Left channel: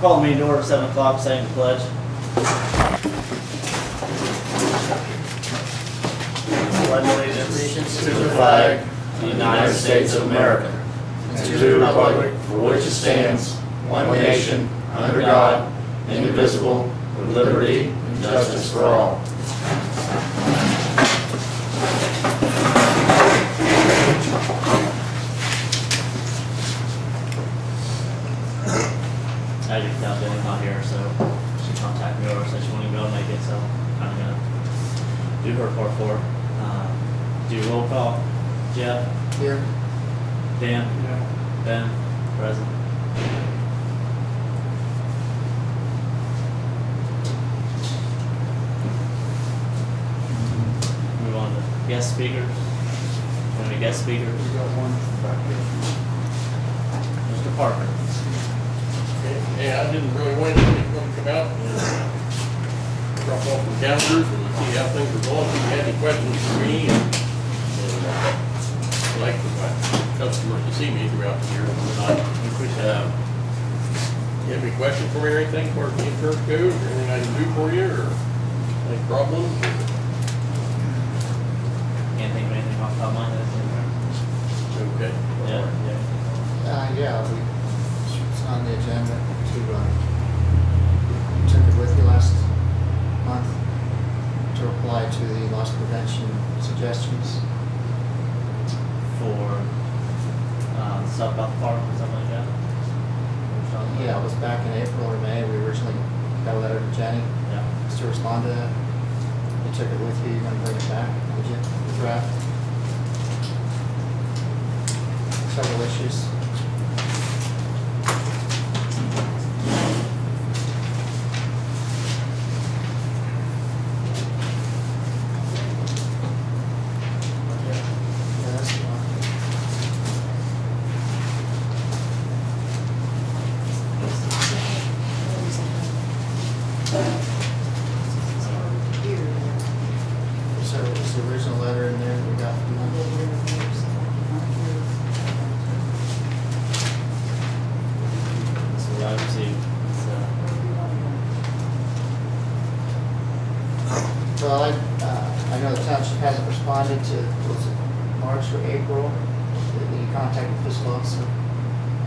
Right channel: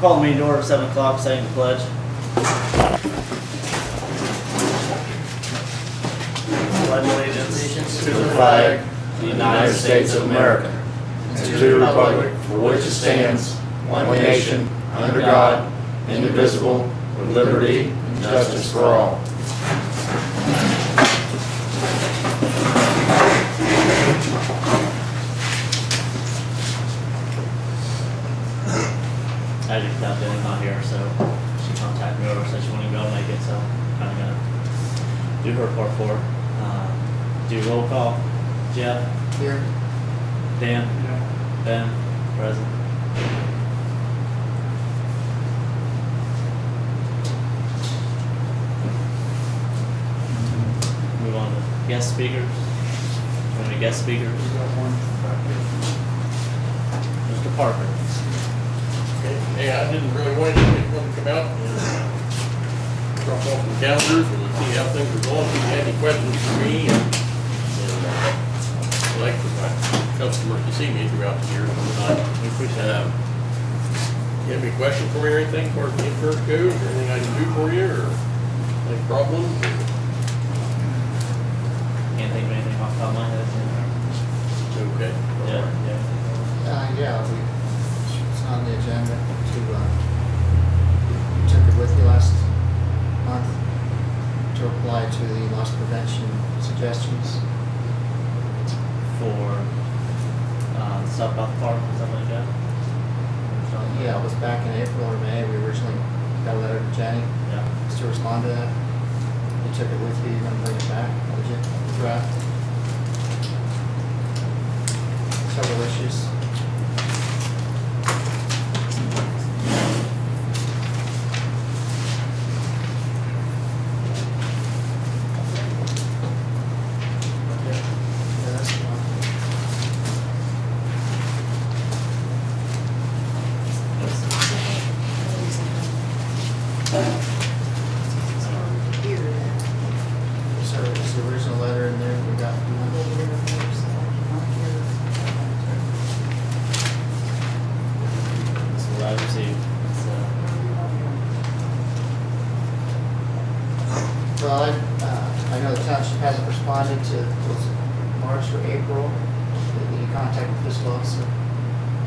Call the meeting to order at 7 o'clock, saying the pledge. Pledge allegiance to the flag of the United States of America, and to the republic for which it stands, one nation, under God, indivisible, with liberty and justice for all. As you can tell, Jenny's not here, so she contacted me over, said she wouldn't be able to make it, so I'm kind of going to do her part for her. Do roll call. Jeff? Here. Dan? Yeah. Ben? Present. Move on to guest speakers. How many guest speakers? We got one back Mr. Parker. Yeah, I didn't really want to come out and drop off some calendars and see how things are going. If you had any questions for me, and I'd like for my customers to see me throughout the year. You have any questions for me or anything as far as the insurance goes, or anything I can do for you, or any problems? Can't think of anything off the top of my head. Okay. Yeah. yeah, it's on the agenda to, you took it with you last month to apply to the loss prevention suggestions. For stuff about the park or something like that? Yeah, it was back in April or May. We originally got a letter to Jenny Yeah. to respond to that. You took it with you. You're going to bring it back, would you? The draft. Several issues. Yeah, that's fine. So is the original letter in there we got from them? So I received. Well, I know the township hasn't responded to, was it March or April, that you contacted the fiscal officer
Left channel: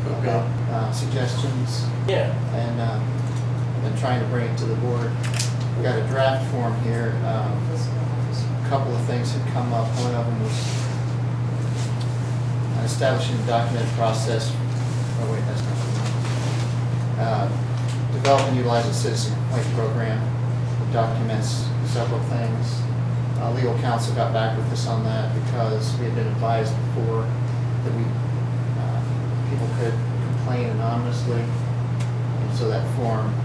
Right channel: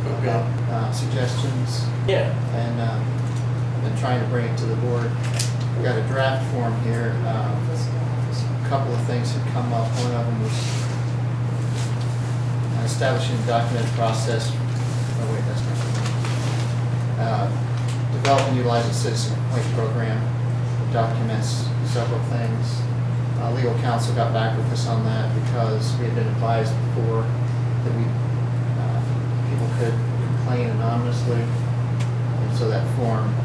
Okay. about suggestions, Yeah. and I've been trying to bring it to the board. We got a draft form here. A couple of things had come up. One of them was establishing a documented process. Oh wait, that's not the one. Develop and utilize a citizen complaint program that documents several things. Legal counsel got back with us on that because we had been advised before that people could complain anonymously, and so that form,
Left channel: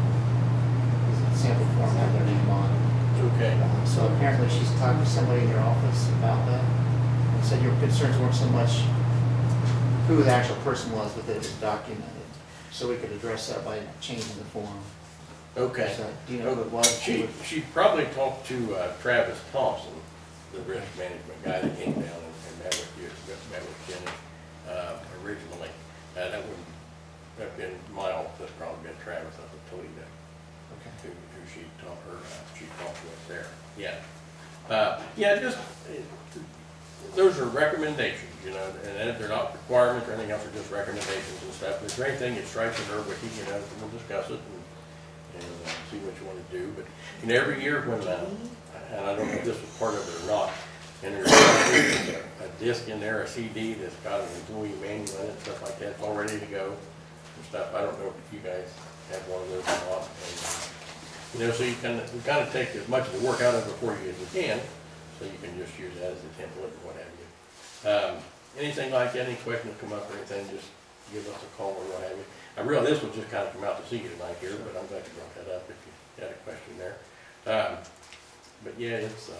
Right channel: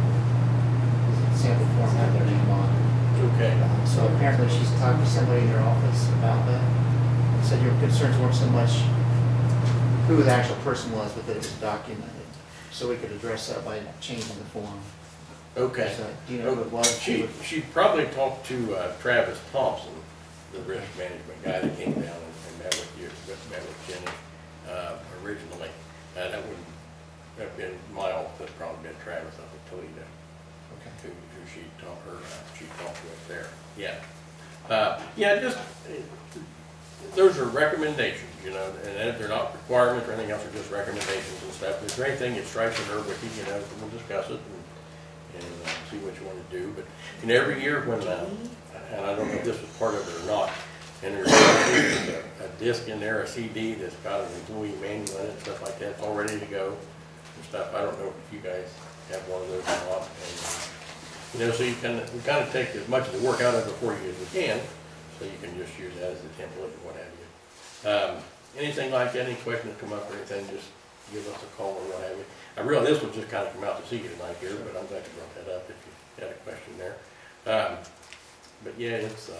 the sample form, had their name on it. Okay. So apparently she's talked to somebody in your office about that, and said your concerns weren't so much who the actual person was, but that it was documented, so we could address that by changing the form. Okay. So, do you know who it was? She probably talked to Travis Thompson, the risk management guy that came down and met with you, met with Jenny originally. That wouldn't have been my office, that'd probably been Travis up at Toledo. Okay. Who she talked with there. Yeah. Yeah, just those are recommendations, you know, and they're not requirements or anything else, they're just recommendations and stuff. If there's anything that strikes a nerve with you, you know, we'll discuss it and see what you want to do. But you know, every year when, and I don't know if this was part of it or not, and there's a disc in there, a CD that's got an employee manual in it and stuff like that, it's all ready to go and stuff. I don't know if you guys have one of those or not. And, you know, so you can kind of take as much of the work out of it for you as we can, so you can just use that as a template or what have you. Anything like that, any questions come up or anything, just give us a call or what have you. I realize this will just kind of come out to see you tonight here, but I'm glad you brought that up if you had a question there. But yeah, it's...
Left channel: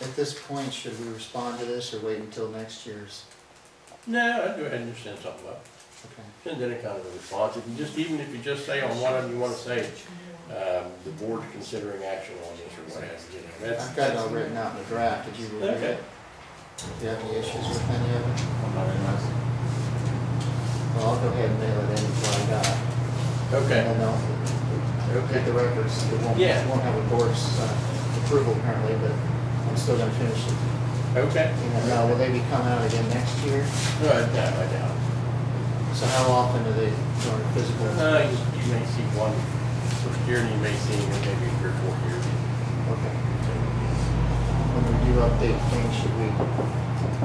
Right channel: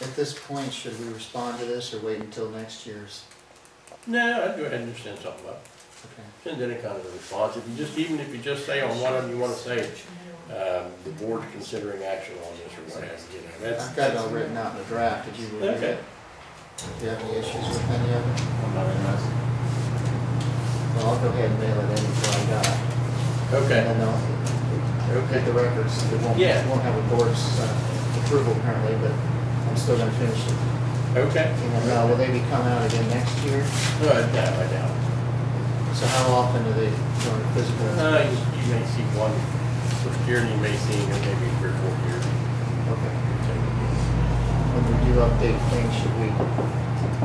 At this point, should we respond to this or wait until next year's? No, I'd go ahead and just send something up. Okay. Send any kind of a response. If you just, even if you just say on one of them you want to say, the board's considering action on this or what have you, know, I've got it all written out in the draft. Did you review Okay. it? Do you have any issues with any of it? I'm not interested. Well, I'll go ahead and mail it in before I got it. Okay. And then they'll get the records. It won't, Yeah. won't have a board's approval apparently, but I'm still gonna finish it. Okay. And will they be coming out again next year? No, I doubt it. So how often do they go to physical? You may see one first year, and you may see him in maybe 3 or 4 years. Okay. When we do update things, should we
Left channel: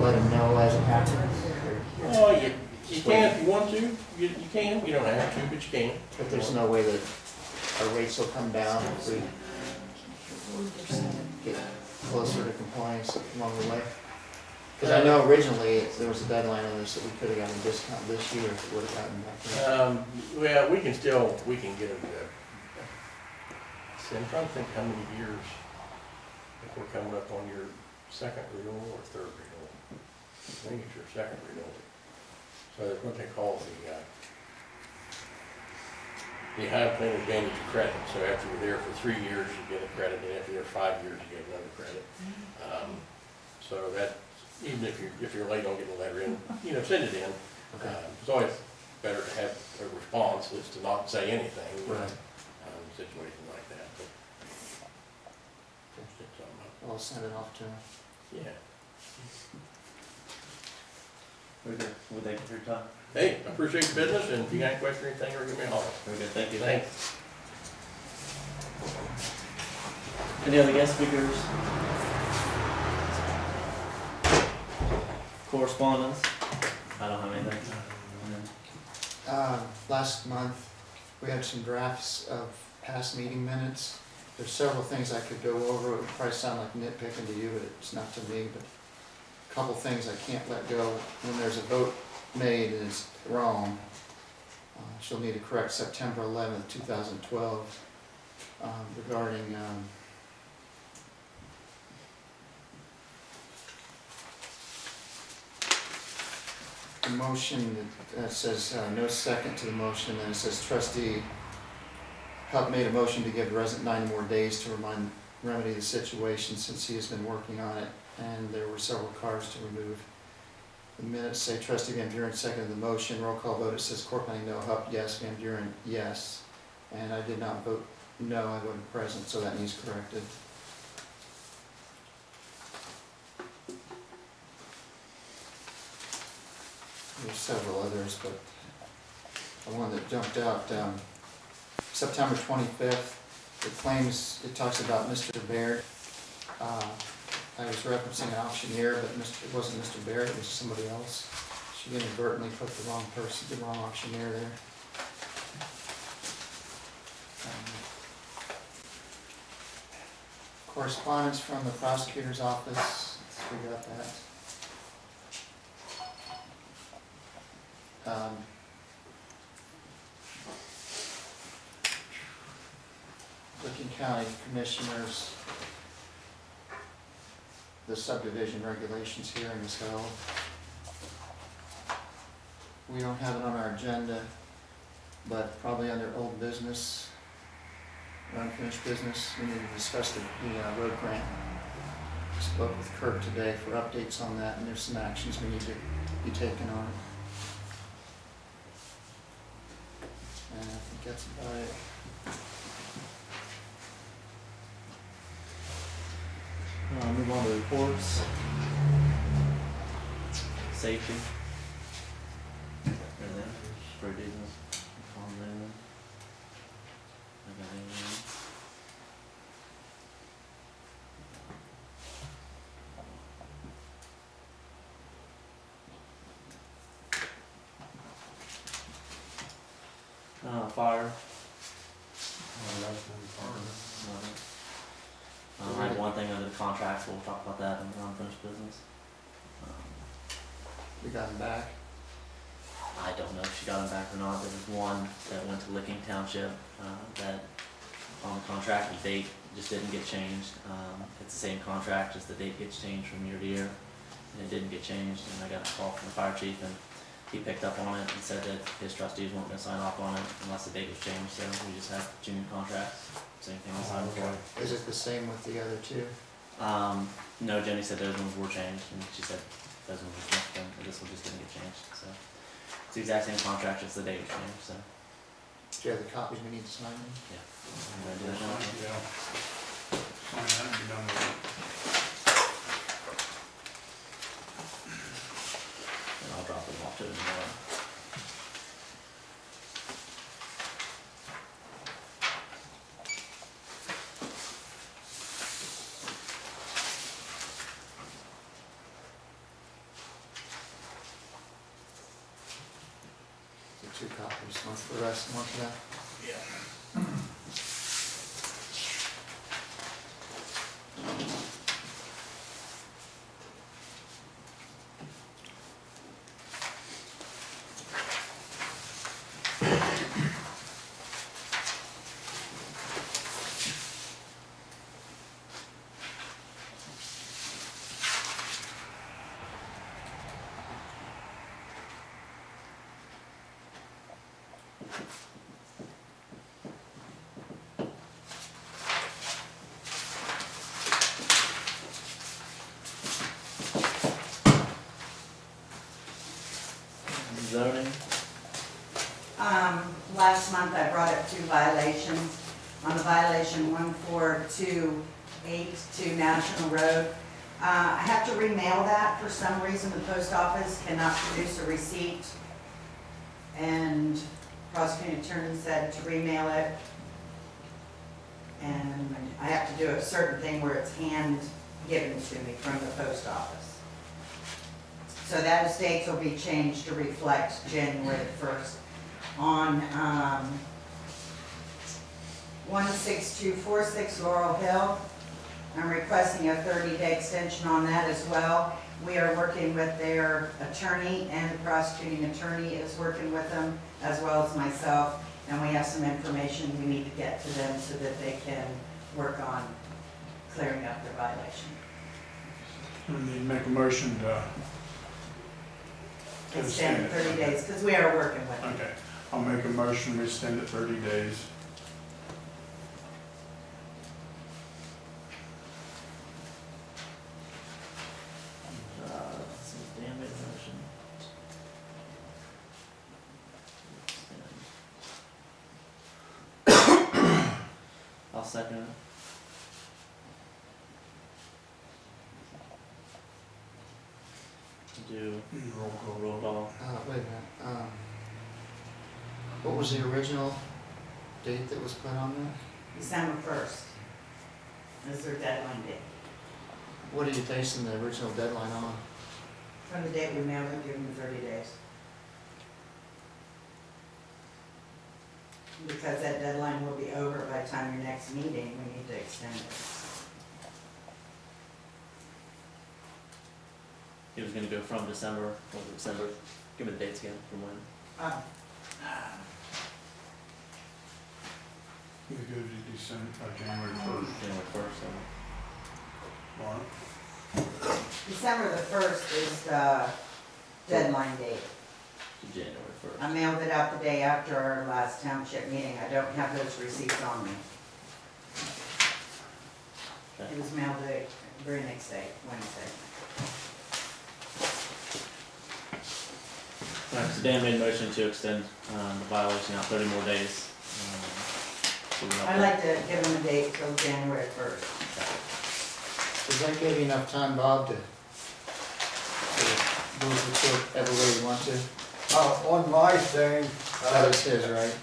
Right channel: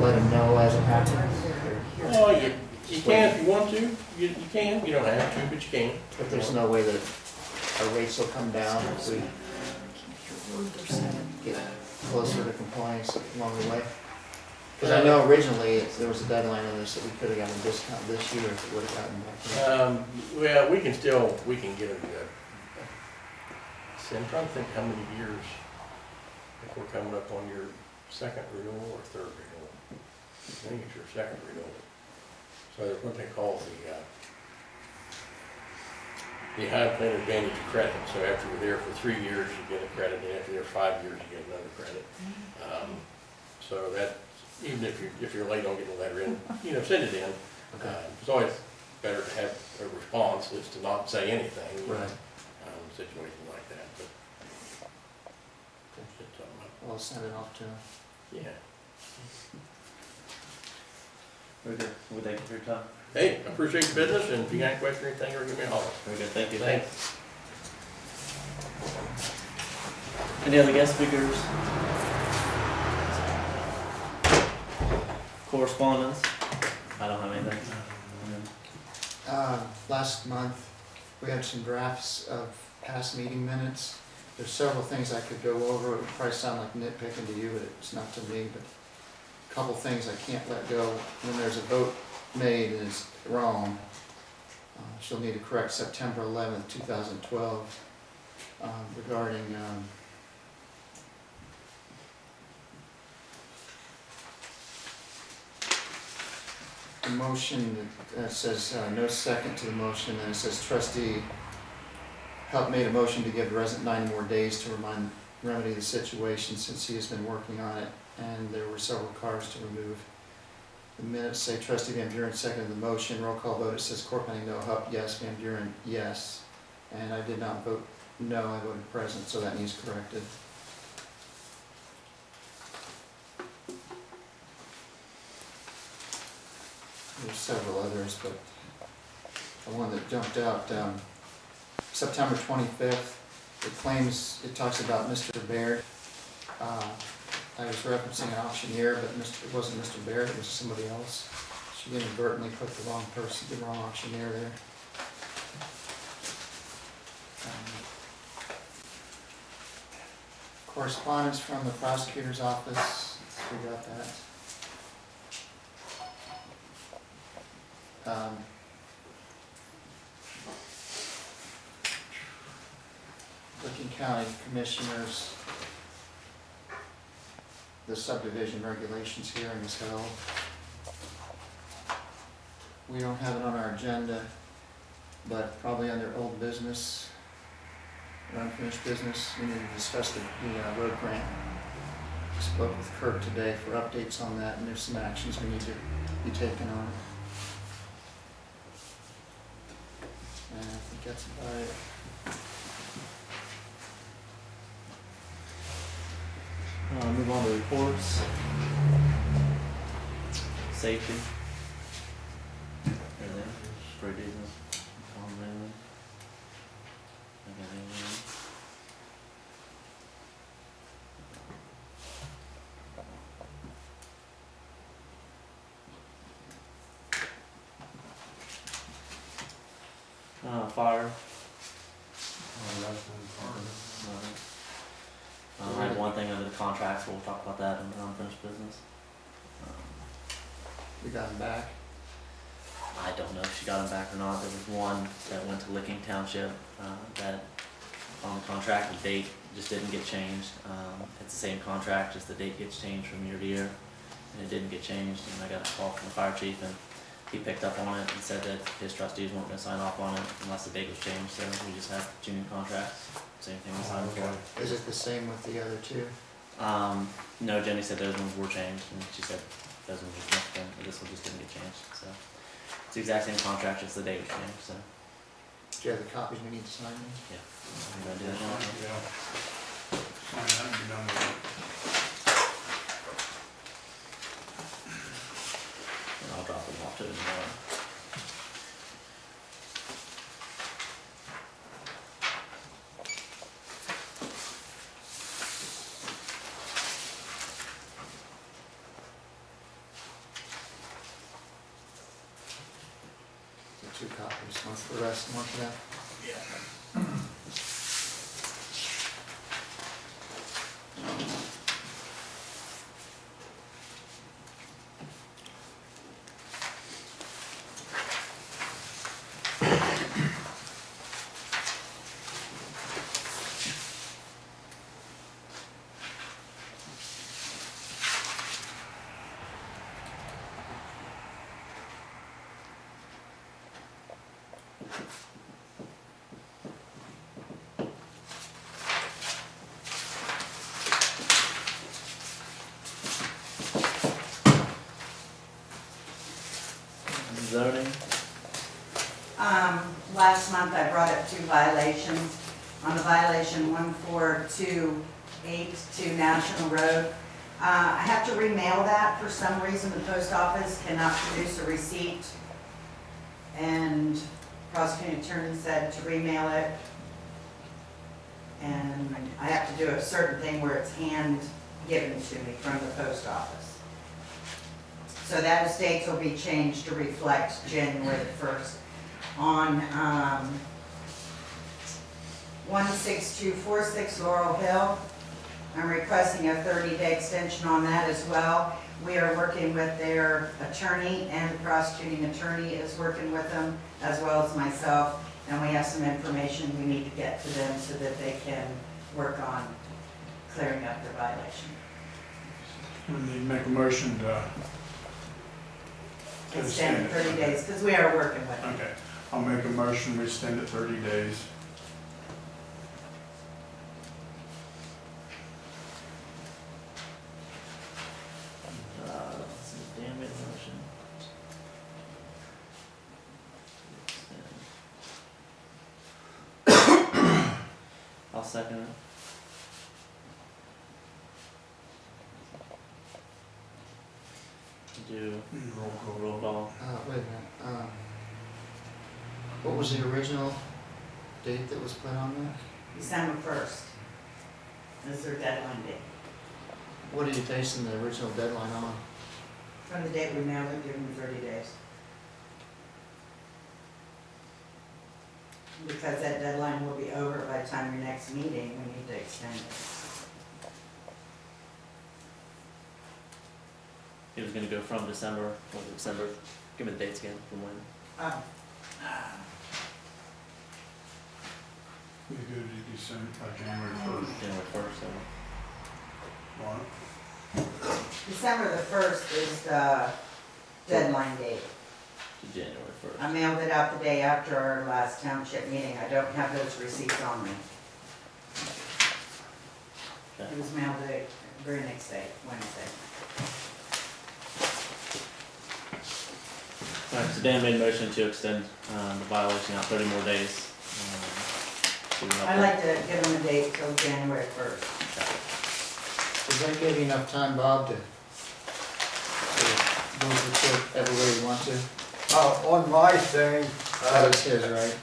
let them know as it happens? Oh, you can if you want to. You can. You don't have to, but you can. But there's no way that our rates will come down if we get closer to compliance along the way? Because I know originally there was a deadline on this that we could have gotten a discount this year if it would have gotten back. Well, we can get a, see, I'm trying to think how many years, if we're coming up on your second renewal or third renewal. I think it's your second renewal. So there's what they call the high plan advantage credit. So after you're there for 3 years, you get a credit, and after you're 5 years, you get another credit. So that, even if you're late on getting a letter in, send it in. Okay. It's always better to have a response as to not say anything. Right. Situations like that, but set something up. I'll send it off to them. Yeah. Very good. Well, thank you for your time. Hey, I appreciate your business, and if you got any question or anything, or give me a holler. Very good. Thank you. Thanks. Any other guest speakers? Correspondence? I don't have anything. Last month, we had some drafts of past meeting minutes. There's several things I could go over. It would probably sound like nitpicking to you, but it's not to me. But a couple things I can't let go. When there's a vote made and it's wrong, she'll need to correct September 11th, 2012, regarding the motion that says no second to the motion, and it says trustee Hupp made a motion to give the resident 9 more days to remedy the situation since he has been working on it, and there were several cars to remove. The minutes say trustee Van Buren seconded the motion. Roll call vote, it says Corpenning no, Hupp yes, Van Buren yes, and I did not vote no, I voted present, so that needs corrected. There's several others, but the one that jumped out, September 25th, it claims, it talks about Mr. Baird. I was referencing an auctioneer, but it wasn't Mr. Baird, it was somebody else. She inadvertently put the wrong person, the wrong auctioneer there. Correspondence from the prosecutor's office, we got that. Licking County Commissioners, the subdivision regulations hearing is held. We don't have it on our agenda, but probably under old business or unfinished business, we need to discuss the road grant. Spoke with Kurt today for updates on that, and there's some actions we need to be taken on it. And I think that's about it. Move on to reports. Safety. Everything. Pretty decent. Calm down. I got anything. Fire. I had one thing under the contracts, we'll talk about that in the unfinished business. We got him back. I don't know if she got him back or not. There was one that went to Licking Township, that on the contract, the date just didn't get changed. It's the same contract, just the date gets changed from year to year, and it didn't get changed, and I got a call from the fire chief, and he picked up on it and said that his trustees weren't gonna sign off on it unless the date was changed, so we just have junior contracts, same thing we signed before. Is it the same with the other two? No, Jenny said those ones were changed, and she said those ones were just, this one just didn't get changed, so. It's the exact same contract, just the date was changed, so. Do you have the copies we need to sign them? Yeah. I'm gonna do that now. Yeah. Sign that and be done with it. And I'll drop them off to them tomorrow. So 2 copies, one for the rest and one for that. Zoning, Last month I brought up 2 violations. On the violation 14282 National Road, I have to remail that. For some reason, the post office cannot produce a receipt. And prosecuting attorney said to remail it. And I have to do a certain thing where it's hand given to me from the post office. So those dates will be changed to reflect January 1st. On 16246 Laurel Hill, I'm requesting a 30-day extension on that as well. We are working with their attorney, and the prosecuting attorney is working with them, as well as myself, and we have some information we need to get to them so that they can work on clearing up their violation. We need to make a motion to Extend 30 days, because we are working with them. Okay, I'll make a motion, we extend it 30 days. let's see, Dan made a motion. I'll second it. Do Roll call. roll call. Wait a minute, what was the original date that was put on there? December 1st is their deadline date. What are you basing the original deadline on? From the date we mailed it, give them 30 days. Because that deadline will be over by the time your next meeting, we need to extend it. He was gonna go from December, what was it, December, give me the dates again, from when? We go to December, January 1st. January 1st, so. Warrant. December the 1st is the deadline date. To January 1st. I mailed it out the day after our last township meeting. I don't have those receipts on me. Okay. It was mailed the very next day, Wednesday. Alright, so Dan made a motion to extend, the violation out 30 more days. I'd like to give them a date till January 1st. Does that give you enough time, Bob, to move the court every way you want to? On my thing, That was his, right?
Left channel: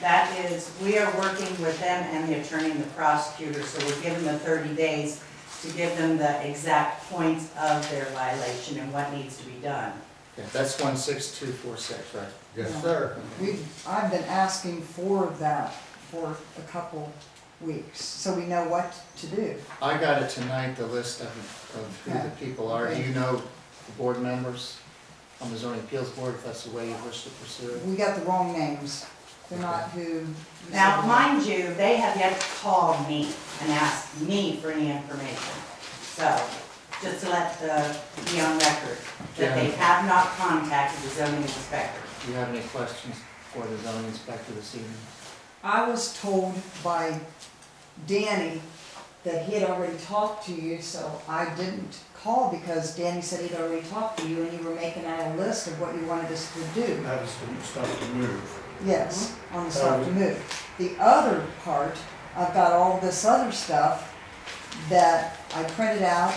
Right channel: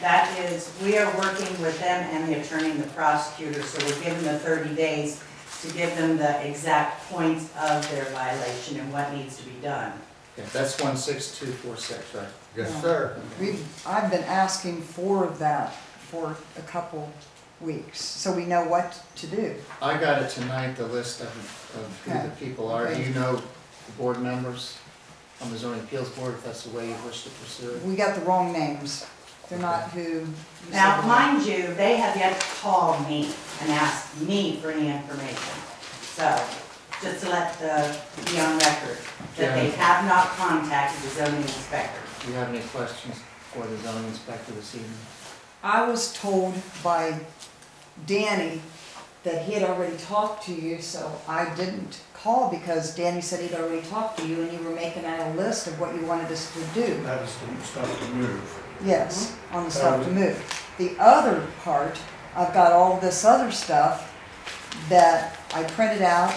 That is, we are working with them and the attorney and the prosecutor, so we're giving them 30 days to give them the exact points of their violation and what needs to be done. Okay, that's 16246, right? yes, sir. I've been asking for that for a couple weeks, so we know what to do. I got it tonight, the list of who the people are. Do you know the board members on the zoning appeals board, if that's the way you wish to pursue it? We got the wrong names. They're not who. you Now, said. mind you, they have yet to call me and ask me for any information. So, just to let be on record, that they have not contacted the zoning inspector. Do you have any questions for the zoning inspector this evening? I was told by Danny that he had already talked to you, so I didn't call because Danny said he'd already talked to you and you were making out a list of what you wanted us to do. That is the stuff to move. Yes, on the stuff to move. The other part, I've got all this other stuff that I printed out,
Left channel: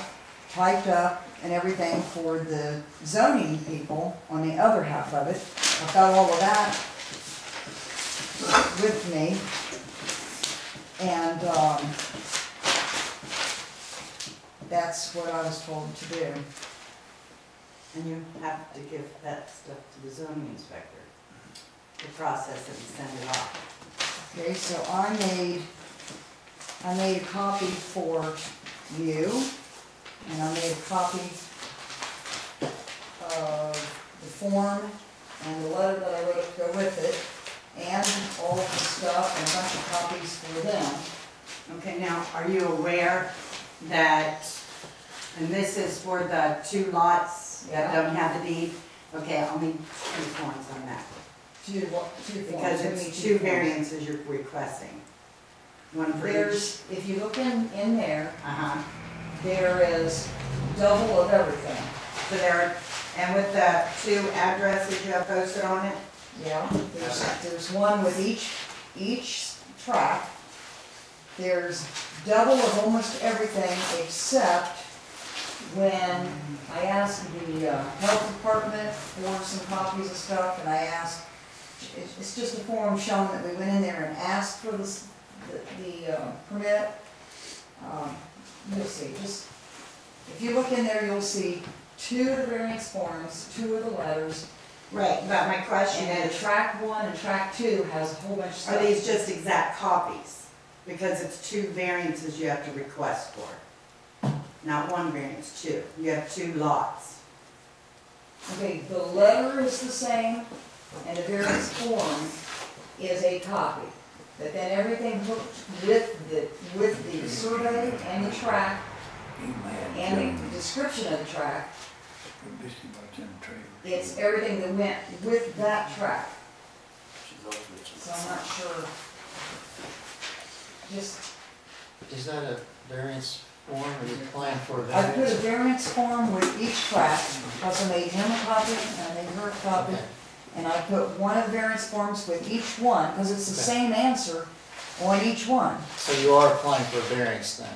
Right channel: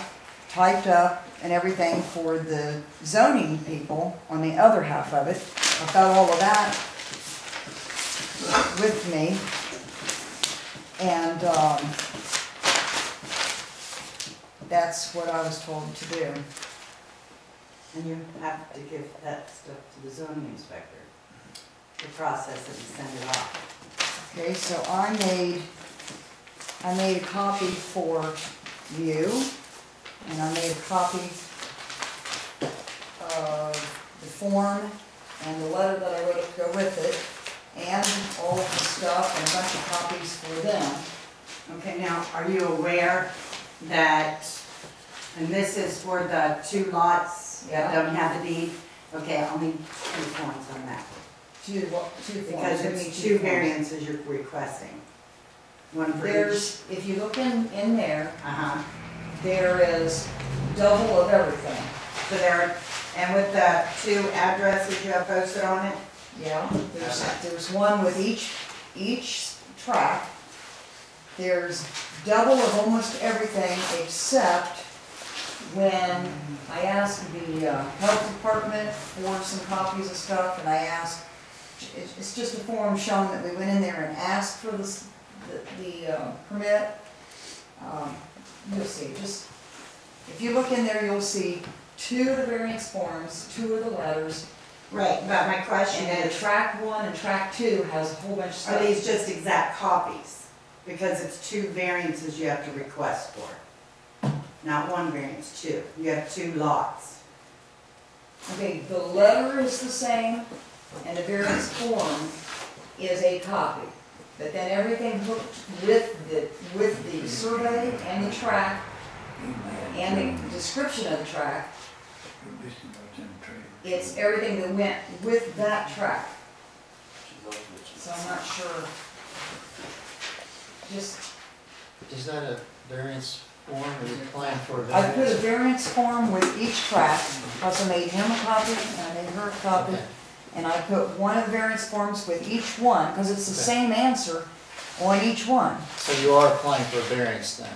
typed up, and everything for the zoning people on the other half of it. I've got all of that with me. And that's what I was told to do. And you have to give that stuff to the zoning inspector to process it and send it off. Okay, so I made a copy for you, and I made a copy of the form and the letter that I wrote to go with it, and all of the stuff, and a bunch of copies for them. Okay, now, are you aware that, and this is for the 2 lots that Yeah. don't have the deed? Okay, I'll need 2 forms on that. Two forms. Because Give me it's 2 2 forms. variances you're requesting. One for each. There's, if you look in there, Uh-huh. there is double of everything. So there, and with the 2 addresses you have posted on it? Yeah, there's one with each track. There's double of almost everything except when I asked the health department for some copies of stuff, and I asked, it's just a form showing that we went in there and asked for the permit. You'll see, just, if you look in there, you'll see 2 of the variance forms, 2 of the letters. Right, but my question And then is, track 1 and track 2 has a whole bunch of stuff. are these just exact copies? Because it's 2 variances you have to request for. Not 1 variance, 2. You have 2 lots. Okay, the letter is the same, and the variance form is a copy. But then everything hooked with the survey and the track, and the description of the track, it's everything that went with that track. So I'm not sure. Just, Is that a variance form or you plan for a I put a variance? variance form with each track, plus I made him a copy, and I made her a copy. Okay. And I put one of the variance forms with each one, because it's the Okay. same answer on each one. So you are applying for a variance then?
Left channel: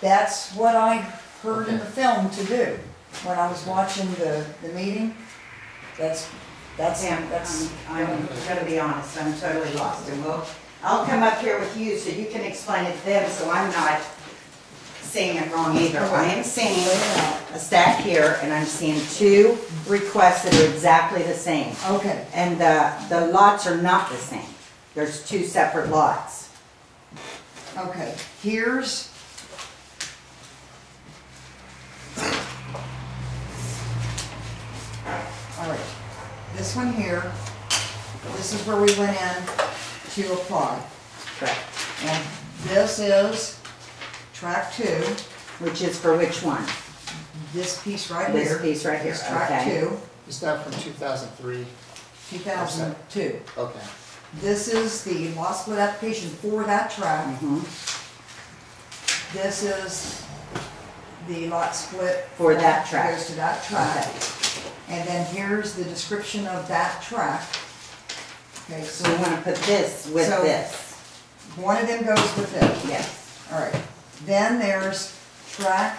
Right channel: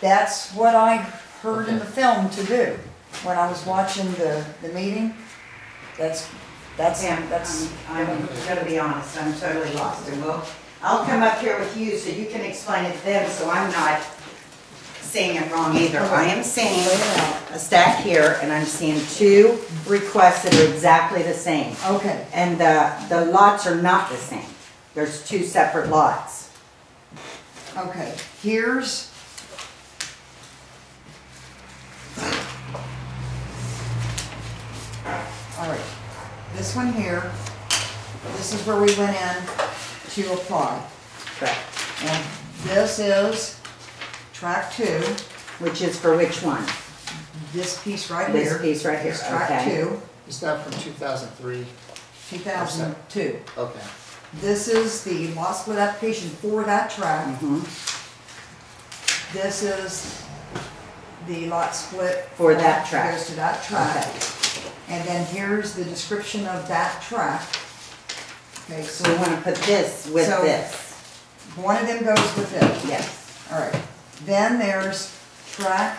That's what I heard in Okay. the film to do, when I was watching the meeting. Sam, I'm gonna be honest, I'm totally lost. And I'll come up here with you so you can explain it to them, so I'm not saying it wrong either. I am seeing a stack here, and I'm seeing 2 requests that are exactly the same. Okay, And the lots are not the same. There's 2 separate lots. okay, here's, all right, this one here, this is where we went in to apply. Correct. And this is track 2, Which is for which one? this piece right This here. piece right here, Is track okay. 2, Is that from 2003? 2002. Okay. This is the lot split application for that track. Mhm. This is the lot split. For that track. Goes to that track. Okay. And then here's the description of that track. Okay, So we so want to put this with So- this. one of them goes with this. Yes. All right. Then there's track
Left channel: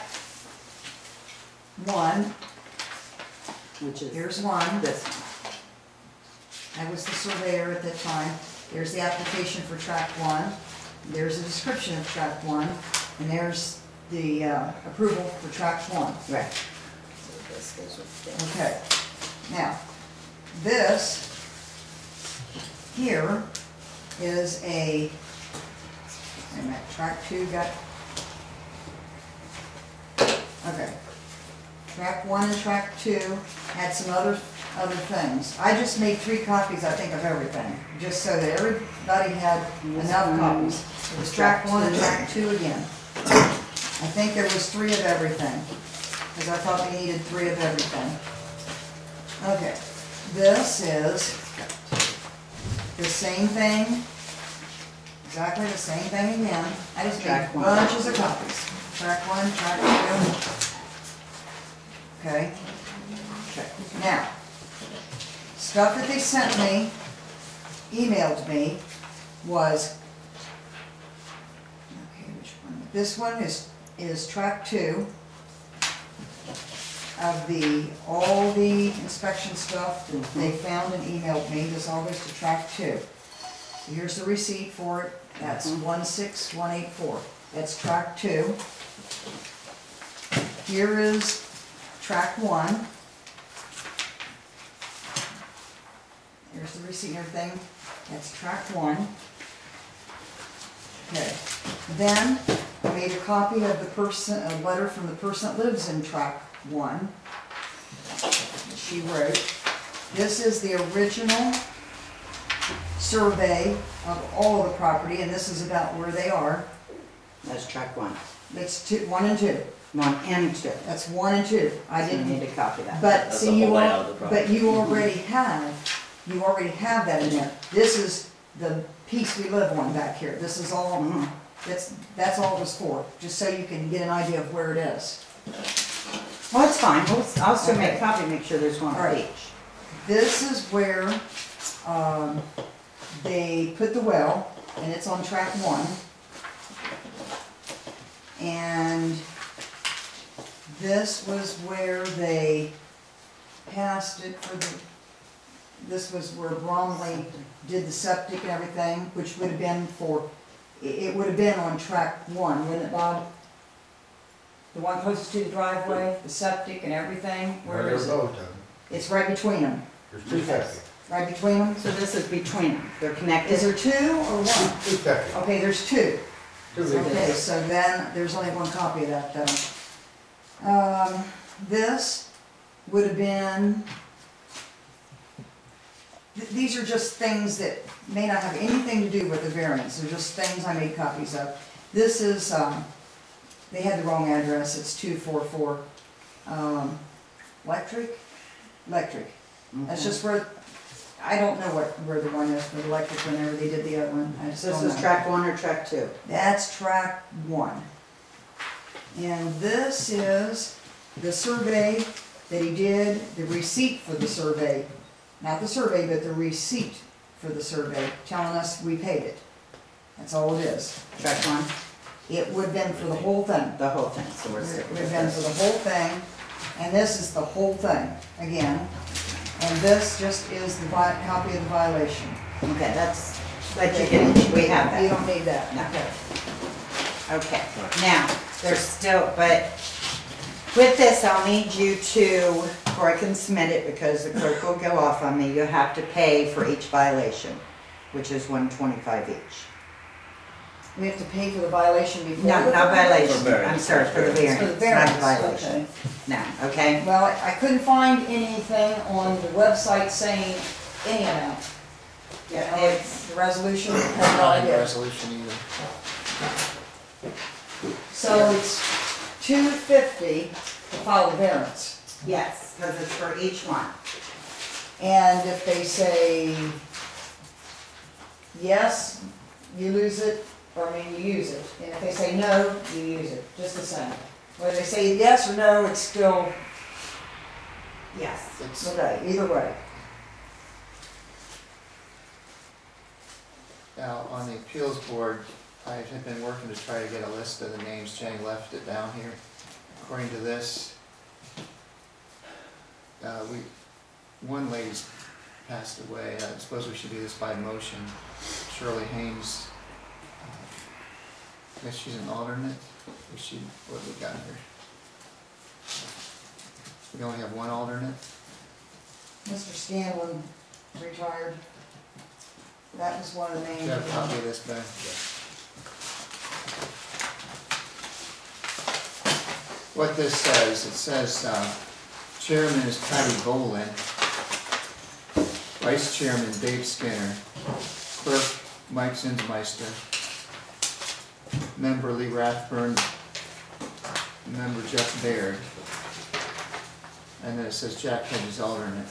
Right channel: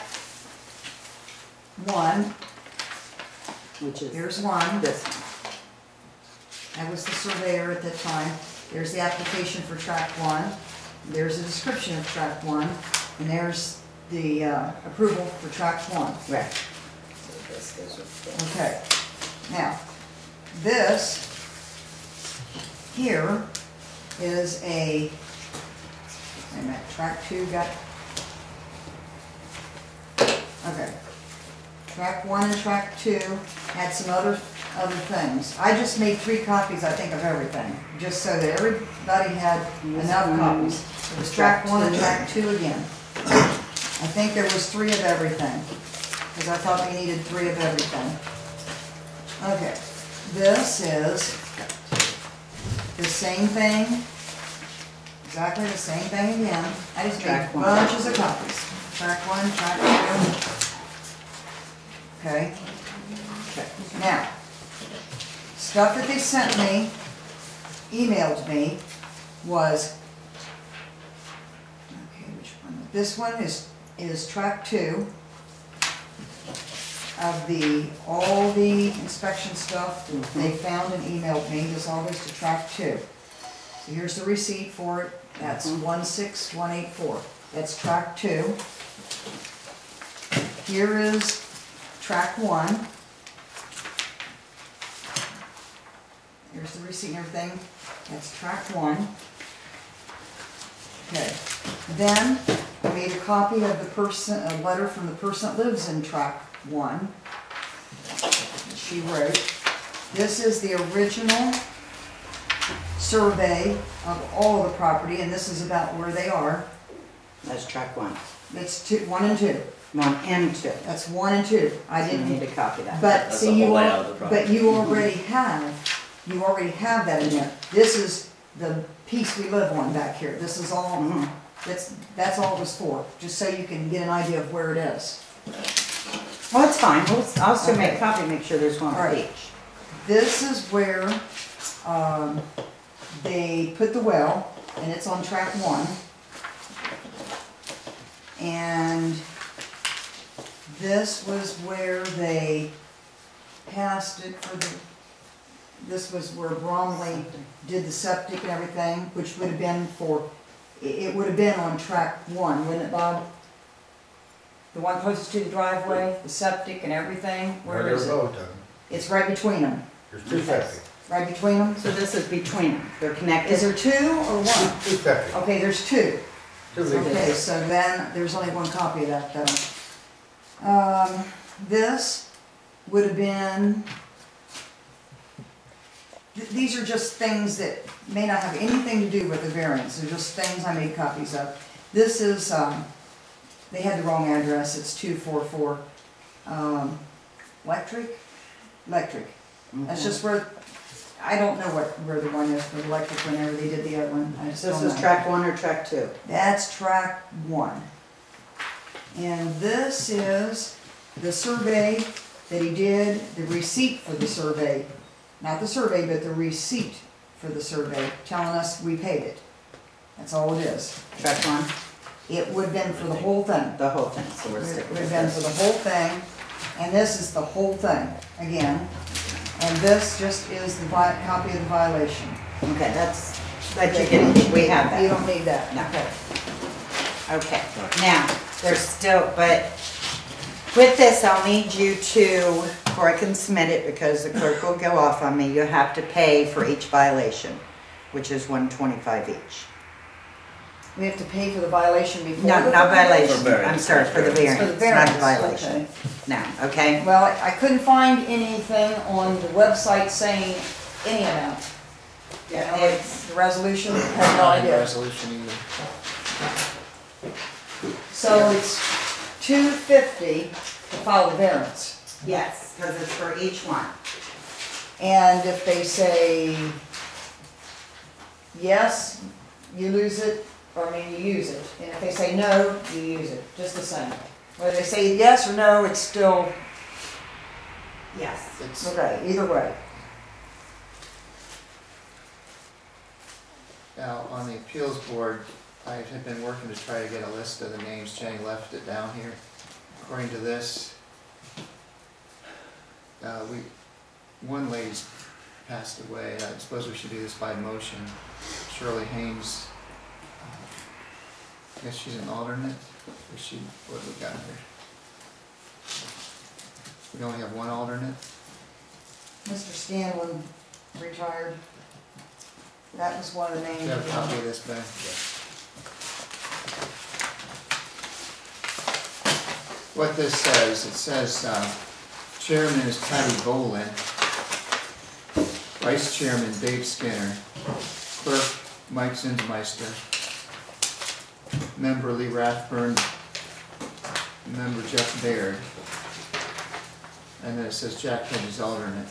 1. Which is Here's 1. this one. I was the surveyor at that time. There's the application for track 1. There's a description of track 1. And there's the approval for track 1. Right. So this goes with this. Okay. Now, this here is a, wait a minute, track 2 got, okay. Track 1 and track 2 had some other things. I just made 3 copies, I think, of everything, just so that everybody had enough copies. It was track 1 and track 2 again. I think there was 3 of everything, because I thought we needed 3 of everything. Okay, this is the same thing, exactly the same thing again. I just made Track one. bunches of copies. Track 1, track 2. Okay. Okay. Now, stuff that they sent me, emailed me, was, okay, which one? This one is track 2 of all the inspection stuff that they found and emailed me. This all goes to track 2. So here's the receipt for it. That's 16184. That's track 2. Here is track 1. Here's the receipt and everything. That's track 1. Okay. Then I made a copy of a letter from the person that lives in track 1. She wrote. This is the original survey of all of the property, and this is about where they are. That's track 1. That's 1 and 2. 1 and 2. That's 1 and 2. I So you didn't. need to copy that. But That's see, the whole layout of the property. but you already have that in there. This is the piece we live on back here. This is all. Mhm. That's all it was for. Just so you can get an idea of where it is. Well, it's fine. I'll still make Okay. a copy, make sure there's one All for right. each. This is where they put the well, and it's on track 1. And this was where they passed it for the, this was where Bromley did the septic and everything, which would have been for, it would have been on track 1, wouldn't it, Bob? The one closest to the driveway, the septic and everything, where is it? Both of them. It's right between them, There's two septic. right between them? So this is between them. They're connected. Is there 2 or 1? Two septic. Okay, there's 2. Two big Okay, so then, there's only 1 copy of that though. This would have been, these are just things that may not have anything to do with the variance, they're just things I made copies of. This is, they had the wrong address, it's 244, Electric. That's just where, I don't know where the one is for the electric whenever they did the other one, I just This don't is know. track 1 or track 2? That's track 1. And this is the survey that he did, the receipt for the survey. Not the survey, but the receipt for the survey, telling us we paid it. That's all it is. Track 1? It would have been for the whole thing. The whole thing, so we're It sticking would with have been for this. the whole thing, and this is the whole thing, again. And this just is the copy of the violation. Okay, that's, but you can, we have You that. don't need that. No. Okay. Okay, now, there's still, but with this, I'll need you to, before I can submit it, because the clerk will go off on me, you have to pay for each violation, which is $125 each. We have to pay for the violation before? No, the not violation, For variance. I'm sorry, for the It's variance, for the not variance, the violation. okay. No, okay? Well, I couldn't find anything on the website saying any amount. Yeah, Like it's, the resolution, I have no Not in the idea. resolution either. So it's $250 to file the variance. yes, because it's for each one. And if they say yes, you lose it, or I mean, you use it. And if they say no, you use it, just the same. Whether they say yes or no, it's still, Yes. It's, okay, either way. now, on the appeals board, I have been working to try to get a list of the names. Jenny left it down here. According to this, one lady's passed away. I suppose we should do this by motion. Shirley Haynes, I guess she's an alternate. What have we got here? We only have one alternate. Mr. Scanlon retired. That was one of the Do names. you have a copy of this, Ben? What this says, it says, chairman is Patty Bolin, vice chairman Dave Skinner, clerk Mike Zinsmeister, member Lee Rathburn, member Jeff Baird, and then it says Jack Hedges alternate. It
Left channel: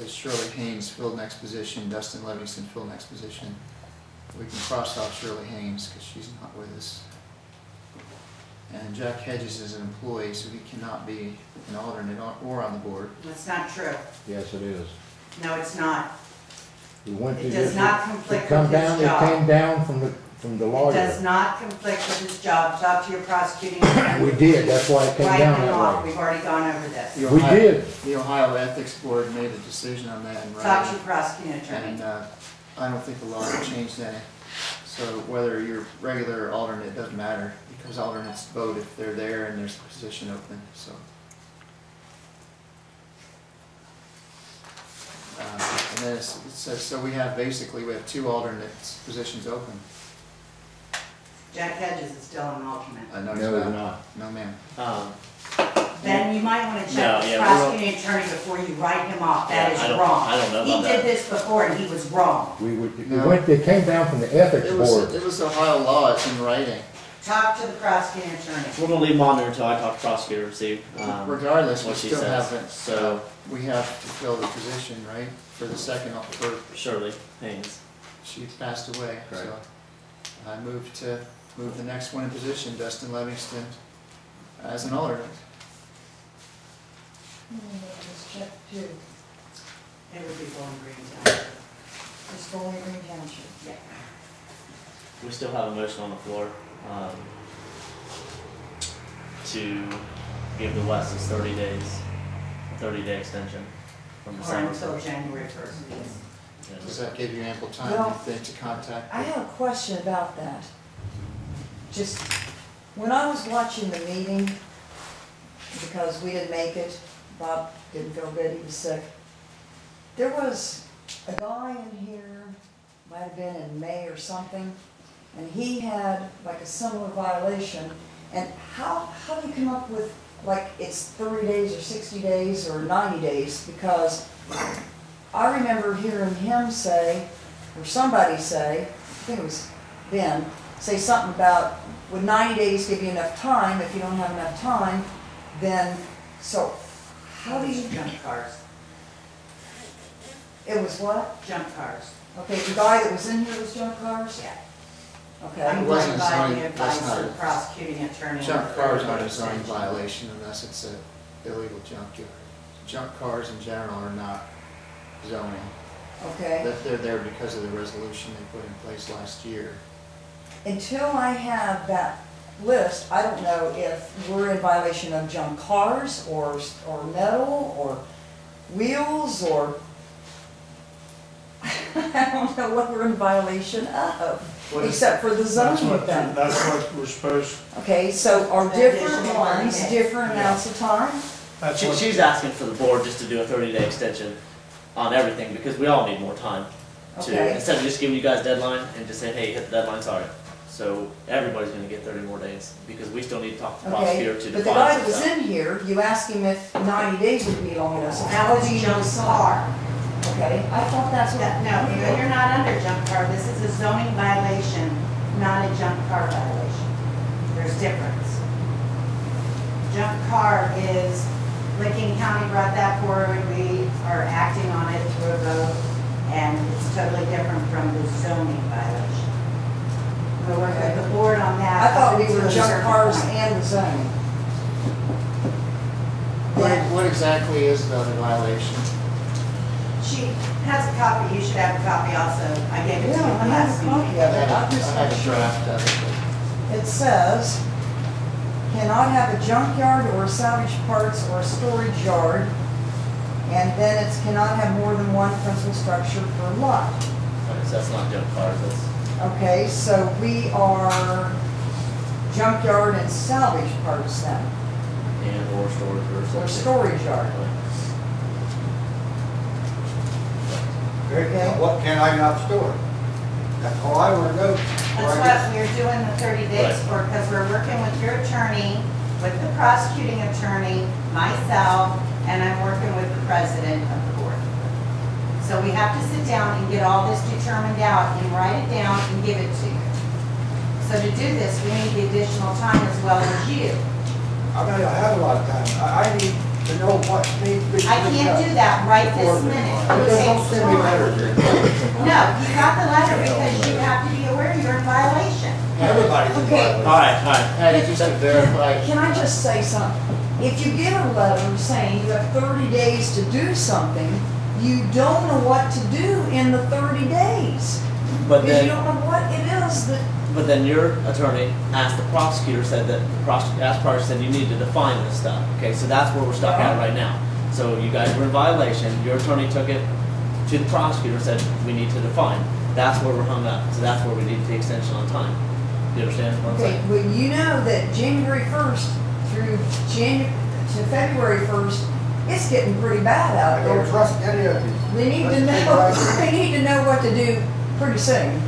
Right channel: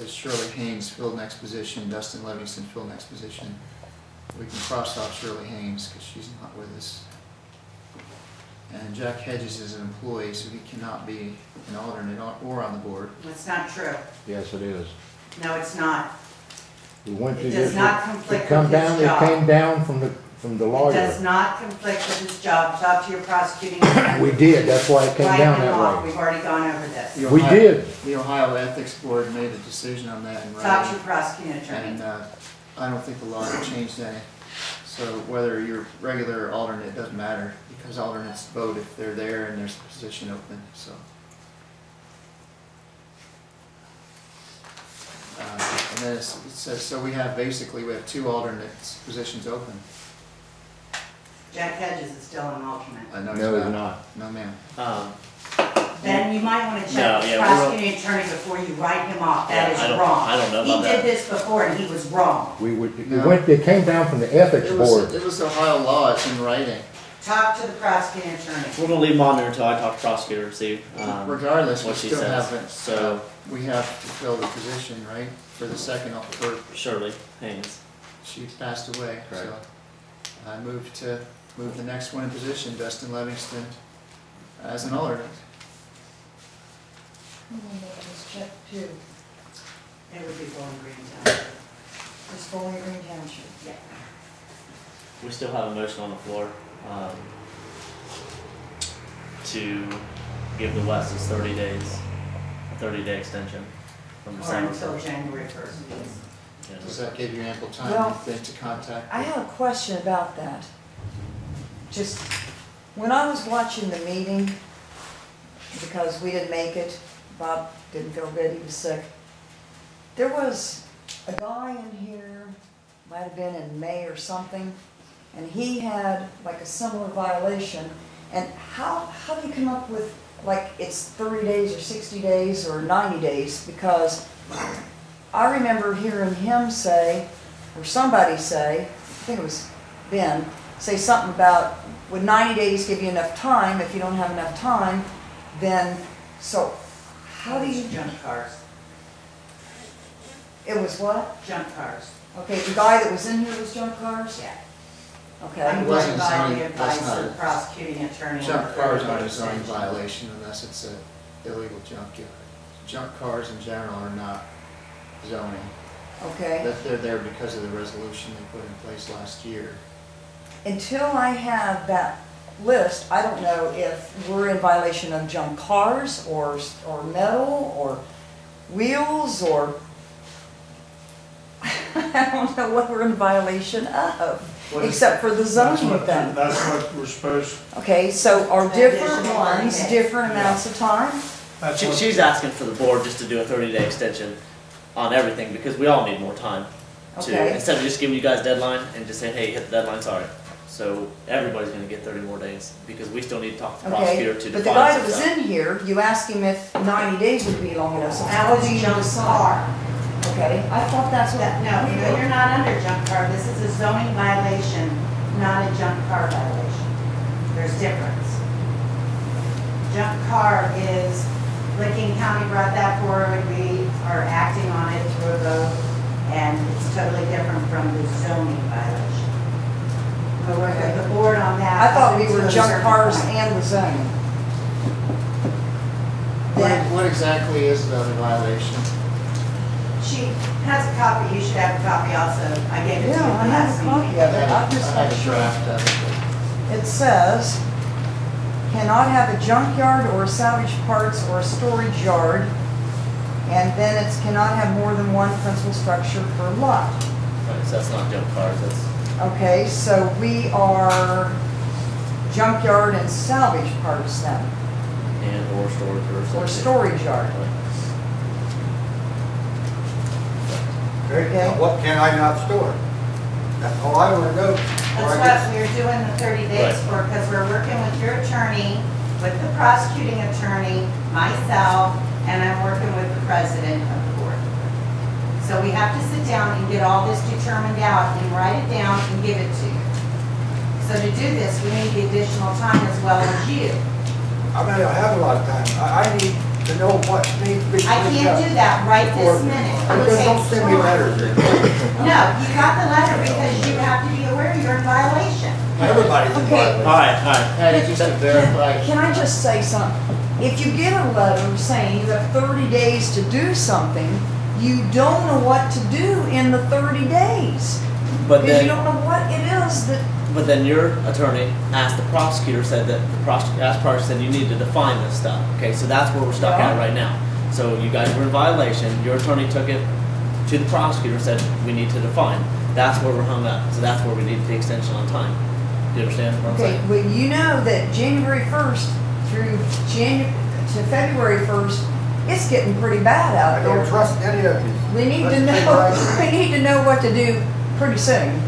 says Shirley Haynes filled next position, Dustin Livingston filled next position, we can cross off Shirley Haynes because she's not with us. And Jack Hedges is an employee, so he cannot be an alternate or on the board. That's not true. Yes, it is. No, it's not. We went It through does this. not It conflict come with his down. It job. came down from the It lawyer. does not conflict with his job. Talk to your prosecuting attorney. We did. That's why it came Write down him that off. way. We've already gone over this. The We Ohio- did. The Ohio Ethics Board made a decision on that in Talk to your writing. prosecuting attorney. And I don't think the law has changed any. So whether you're regular or alternate, it doesn't matter, because alternates vote if they're there and there's a position open, so. And then it says, so we have two alternates positions open. Jack Hedges is still an alternate. No, No, he's it's not. not. No, ma'am. Then you might want to No, check with yeah, the we prosecuting attorney before you write him off. That Yeah, is I don't- wrong. I don't know He about did that. this before and he was wrong. No. It came down from the ethics board. It was Ohio law, it's in writing. Talk to the prosecuting attorney. We're gonna leave them on there until I talk to prosecutor and see, Regardless, we what she still says. haven't, So- we have to fill the position, right? For the second, for Shirley Haynes. she passed away, so Correct. I moved the next one in position, Dustin Livingston, as an alternate. Let's check too. It would be Bowling Green Township. It's Bowling Green Township. Yeah. We still have a motion on the floor, to give the Westes 30 days, a 30-day extension from Or December until 1st. January 1st. Yeah. Does that give you ample time, Well, you think, to contact? I have a question about that. Just, when I was watching the meeting, because we didn't make it, Bob didn't feel good, he was sick. There was a guy in here, might have been in May or something, and he had like a similar violation. And how do you come up with, like, it's 30 days or 60 days or 90 days? Because I remember hearing him say, or somebody say, I think it was Ben, say something about, would 90 days give you enough time? If you don't have enough time, then, so, how do you, Junk cars. it was what? Junk cars. Okay, the guy that was in here was junk cars? Yeah. Okay, I'm It going wasn't by zoning, the that's advice not of a- the prosecuting attorney. on Junk the cars 30-day aren't a zoning extension. violation unless it's a illegal junkyard. Junk cars in general are not zoning. okay. They're there because of the resolution they put in place last year. Until I have that list, I don't know if we're in violation of junk cars or metal or wheels or I don't know what we're in violation of, What is- except for the That's zoning what, thing. that's what we're supposed, Okay, so are different Additional ones, 30 days. different amounts of time? that's She, what. she's asking for the board just to do a 30-day extension on everything, because we all need more time to, Okay. instead of just giving you guys a deadline and just saying, hey, hit the deadline, sorry. So everybody's gonna get 30 more days, because we still need to talk to the prosecutor Okay, to but the define guy some that was stuff. in here, you asked him if 90 days would be long enough, so That how was do a you junk decide? car. Okay, I thought that's what. No, you're not under junk car. This is a zoning violation, not a junk car violation. There's difference. Junk car is, Licking County brought that forward, we are acting on it through a vote, and it's totally different from the zoning violation. We'll work with the board on that. I thought we up were to a junk certain cars point. and the zoning. What exactly is the violation? She has a copy, you should have a copy also. I gave it to you Yeah, I last have a meeting. copy of it. I'm I just have not a sure. draft of it. It says, cannot have a junkyard or salvage parts or a storage yard, and then it's cannot have more than one principal structure per lot. Right, so that's not junk cars, that's, Okay, so we are junkyard and salvage parts then, and or storage or something. or storage yard. Okay, now what can I not store? That's all I wanna know. That's what we're doing the 30 days Right. for, because we're working with your attorney, with the prosecuting attorney, myself, and I'm working with the president of the board. So we have to sit down and get all this determined out and write it down and give it to you. So to do this, we need the additional time as well as you. I mean, I have a lot of time. I need to know what needs to be. I can't do that right this minute. It Just don't takes send me time. letters. No, you got the letter because you have to be Everybody's in Okay. violation. Alright, Patty, just to verify, Can I just say something? If you get a letter saying you have 30 days to do something, you don't know what to do in the 30 days. but Because you then, don't know what it is that, but then your attorney asked the prosecutor, said that, asked prosecutor, said you need to define this stuff. Okay, so that's where we're stuck at Yeah. right now. So you guys were in violation, your attorney took it to the prosecutor, said we need to define. That's where we're hung up, so that's where we need the extension on time. Do you understand what I'm okay, saying? well, you know that January 1st through to February 1st, it's getting pretty bad I out don't there. trust any of you. We need to Let's take know, right- we need to know what to do pretty soon.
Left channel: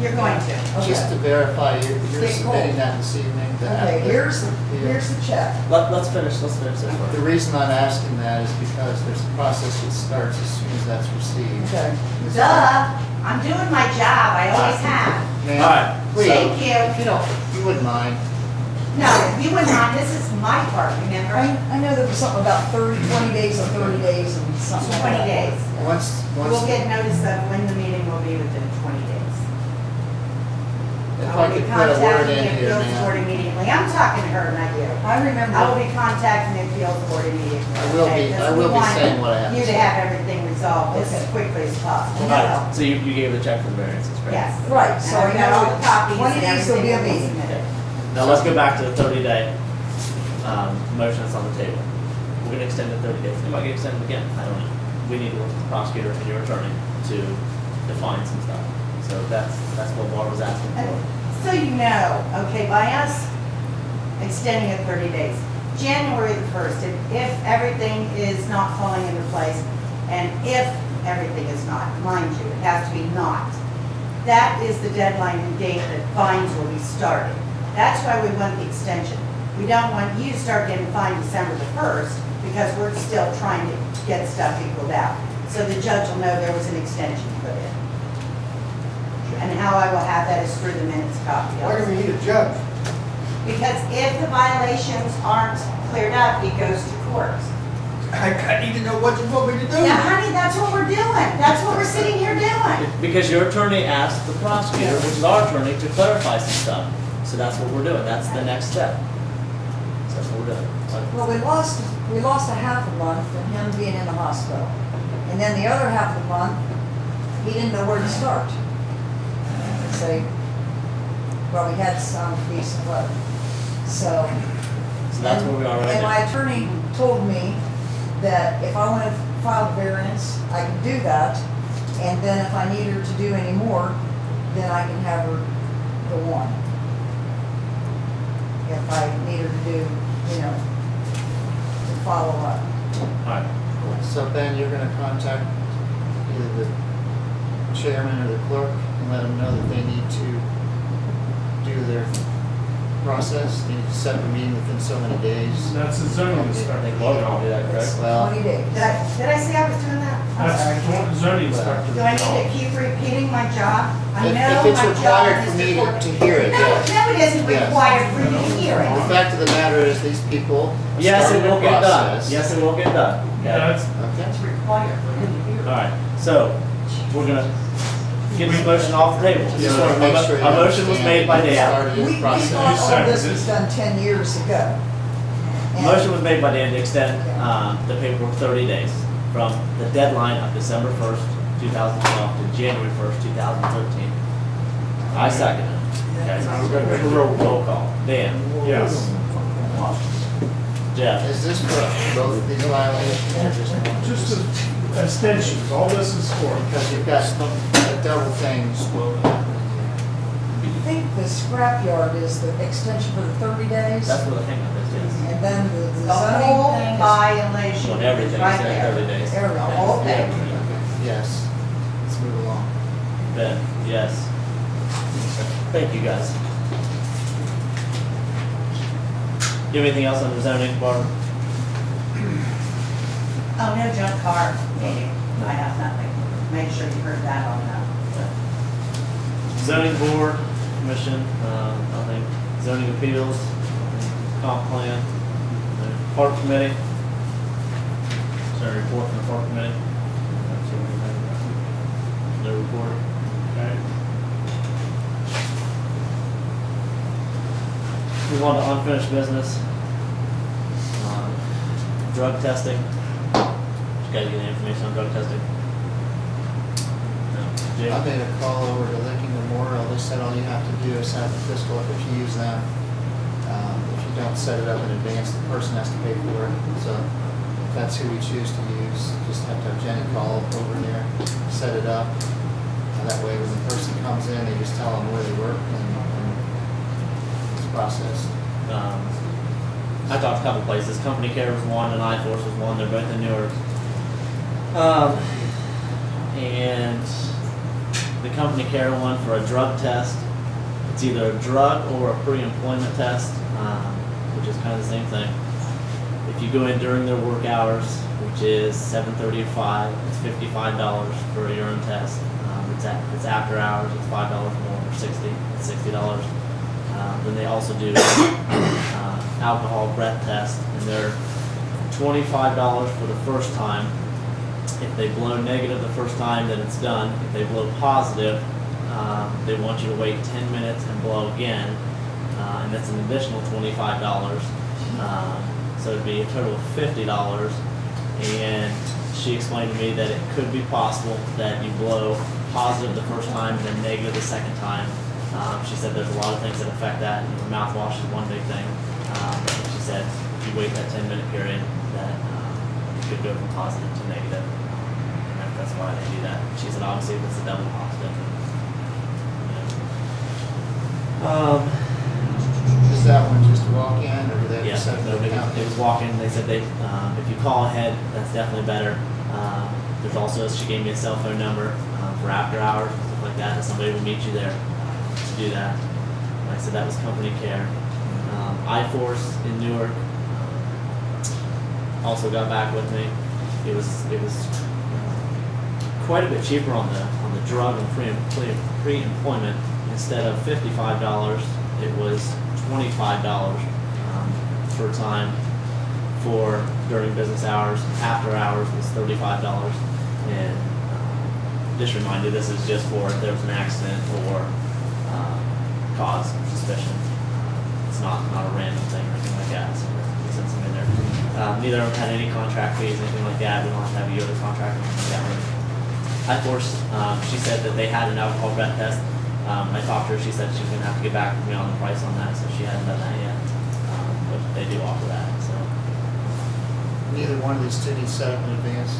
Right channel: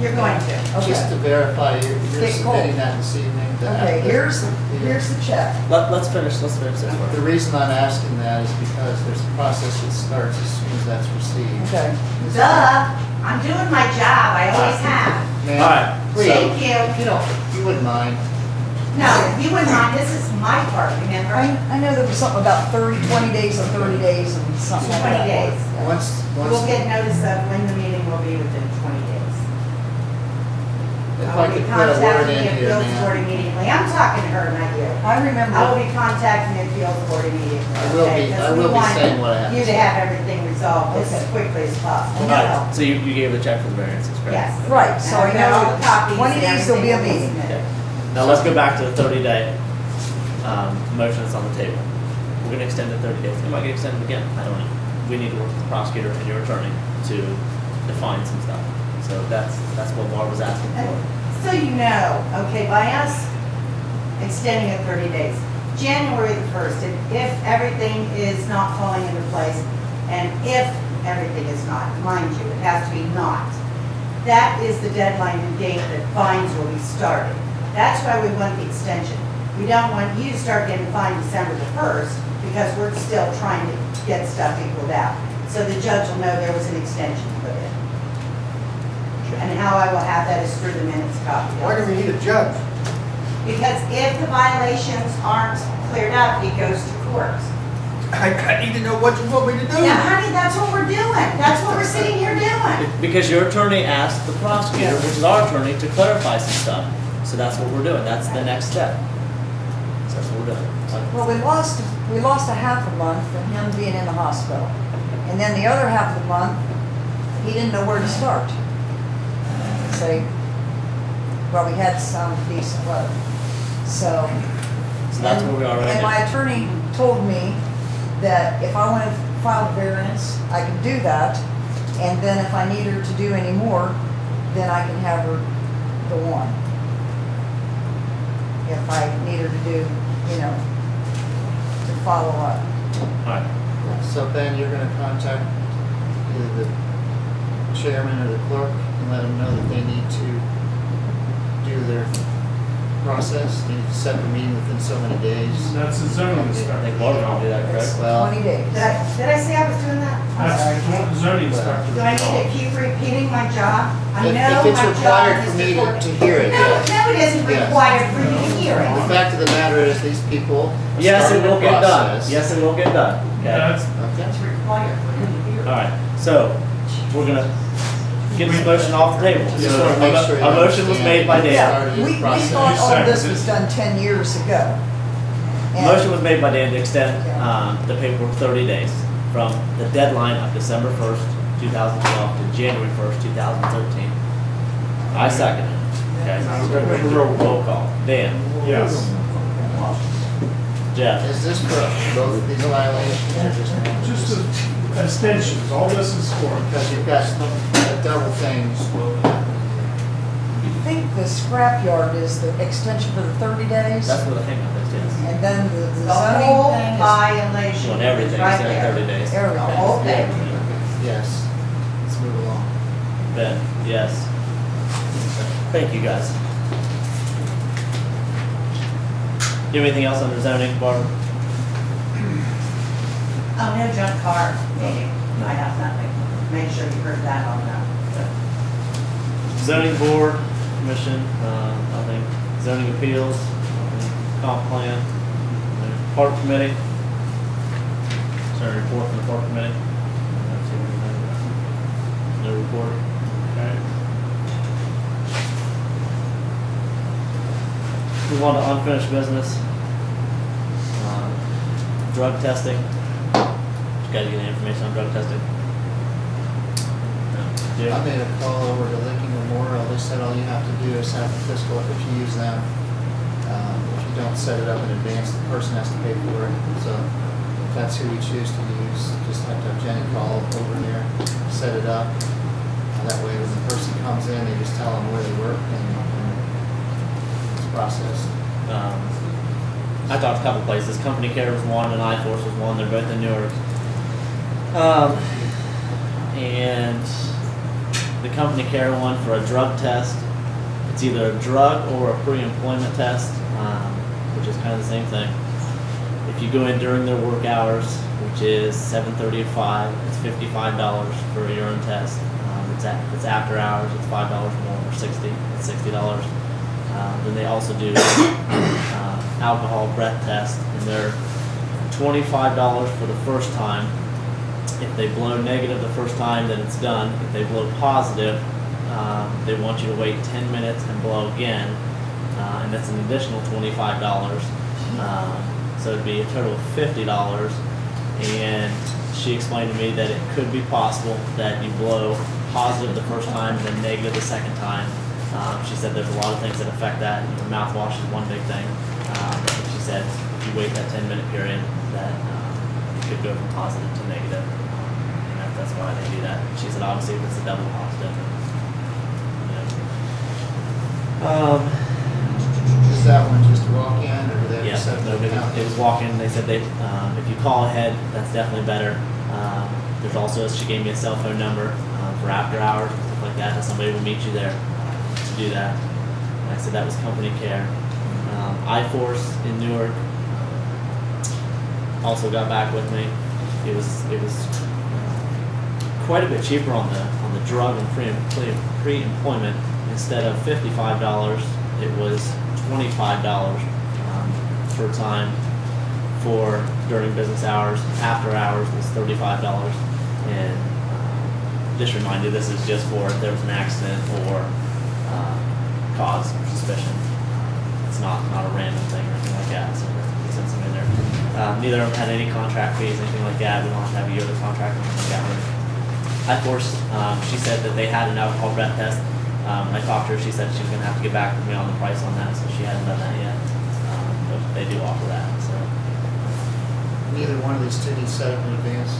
You're going to. Okay. just to verify, you're Get submitting cold. that this evening? Okay, here's the check. Let's finish this The first. reason I'm asking that is because there's a process that starts as soon as that's received. Okay. Duh, I'm doing my job, I always have. Ma'am, Alright, please, Thank you. if you wouldn't mind, No, you wouldn't mind, this is my part, remember? I know there was something about 20 days and 30 days and something like 20 that. days. Yeah. once, You will once, get notice of when the meeting will be within 20 days. if will I be could put a word contacting in the here, appeals board ma'am. immediately. I'm talking to her, not you. I remember. I will be contacting the appeals board immediately. I will okay? be- 'Cause I we will be want saying what I have to You to say. have everything resolved as Okay. quickly as possible. alright, so you gave the check for the variances, correct? Yes. Right, so And I I got all know the copies 20 and days there'll be a everything meeting. submitted. Now let's go back to the 30-day, motion that's on the table. We're gonna extend it 30 days, it might get extended again, I don't know. We need to work with the prosecutor and your attorney to define some stuff. So that's what Barbara's asking And for. so you know, okay, by us extending it 30 days, January the 1st, if everything is not falling into place, and if everything is not, mind you, it has to be not, that is the deadline and date that fines will be started. That's why we want the extension. We don't want you to start getting fined December the 1st, because we're still trying to get stuff equaled out. So the judge will know there was an extension put in. And how I will have that is through the minutes copy. Why do we need a judge? Because if the violations aren't cleared up, it goes to court. I need to know what you want me to do. Now, honey, that's what we're doing. That's what we're sitting here doing. Because your attorney asked the prosecutor, which is our attorney, to clarify some stuff. So that's what we're doing, that's the next step. So that's what we're doing. Well, we lost a half a month from him being in the hospital. And then the other half of the month, he didn't know where to start. So, well, we had some decent weather. So. So that's where we are right And now. my attorney told me that if I wanted to file a variance, I could do that. And then if I need her to do any more, then I can have her go on. If I need her to do, you know, to follow up. Alright, So Ben, you're gonna contact either the chairman or the clerk and let them know that they need to do their process, they need to set the meeting within so many days. That's the zoning I inspector. think Barbara will do that, It's correct? Well, 20 days. Did I say I was doing that? I'm sorry. That's what the zoning inspector. Do I need to keep repeating my job? I If- know if it's my required job for is me to to- work- to hear it, No, yes. no, it isn't Yes. required for you to hear the it. fact of the matter is, these people are Yes, it starting will the get done. process. Yes, it will get done. Okay. That's, Okay. It's required for you to hear it. Alright, so we're gonna get this motion off the table. Just wanna make sure you A motion was understand made by that Dan. started We this process. thought all Second. this was done 10 years ago. And- Motion was made by Dan to extend Yeah. the paperwork 30 days from the deadline of December 1st, 2012 to January 1st, 2013. I second it. Okay. now we're gonna make a roll call. Roll call. Dan. Yes. Jeff. Is this for both of these violations or just one? Just extensions, all this is for. Because you've got a double thing. I think the scrapyard is the extension for the 30 days. That's where the hang up is, yes. And then the The whole zoning thing is violation On is everything, right except there. 30 days. The everything. whole thing. Yes, let's move along. Ben, yes. Thank you, guys. You have anything else under zoning, Barbara? Oh, no junk car meeting. I have nothing. Make sure you heard that on that. Zoning board, commission, nothing. Zoning appeals, nothing. Comp plan, park committee. Is there a report from the park committee? No report. Okay. Move on to unfinished business. Drug testing. You guys get any information on drug testing? No. Jay? I made a call over to Lincoln Memorial. They said all you have to do is have the fiscal if you use them. If you don't set it up in advance, the person has to pay for it. So if that's who we choose to use, just have to have Jenny call over here, set it up. That way when the person comes in, they just tell them where they work and it's processed. I talked to a couple places. Company Care was one, and iForce was one. They're both in Newark. And the Company Care one for a drug test, it's either a drug or a pre-employment test, which is kind of the same thing. If you go in during their work hours, which is 7:30 to 5, it's $55 for a urine test. If it's after hours, it's $5 more, or $60. It's $60. Then they also do alcohol breath test, and they're $25 for the first time. If they blow negative the first time, then it's done. If they blow positive, they want you to wait 10 minutes and blow again, and that's an additional $25. So it'd be a total of $50. And she explained to me that it could be possible that you blow positive the first time, then negative the second time. She said there's a lot of things that affect that. Mouthwash is one big thing. She said if you wait that 10-minute period, that you could go from positive to negative. And that's why they do that. She said obviously if it's a double positive. Is that one just a walk-in or do they have Yeah, to set no, up an account? it was walk-in. They said if you call ahead, that's definitely better. There's also, she gave me a cell phone number for after hours and stuff like that, and somebody will meet you there to do that. And I said that was Company Care. iForce in Newark also got back with me. It was quite a bit cheaper on the drug and pre-employment. Instead of $55, it was $25 per time for during business hours. After hours was $35. And just remind you, this is just for if there was an accident or cause or suspicion. It's not a random thing or anything like that. So we sent some in there. Neither of them had any contract fees, anything like that. We don't have to have a yearly contract or anything like that. iForce, she said that they had an alcohol breath test. When I talked to her, she said she was going to have to get back with me on the price on that, so she hasn't done that yet. But they do offer that. So Neither one of these two needs set up in advance.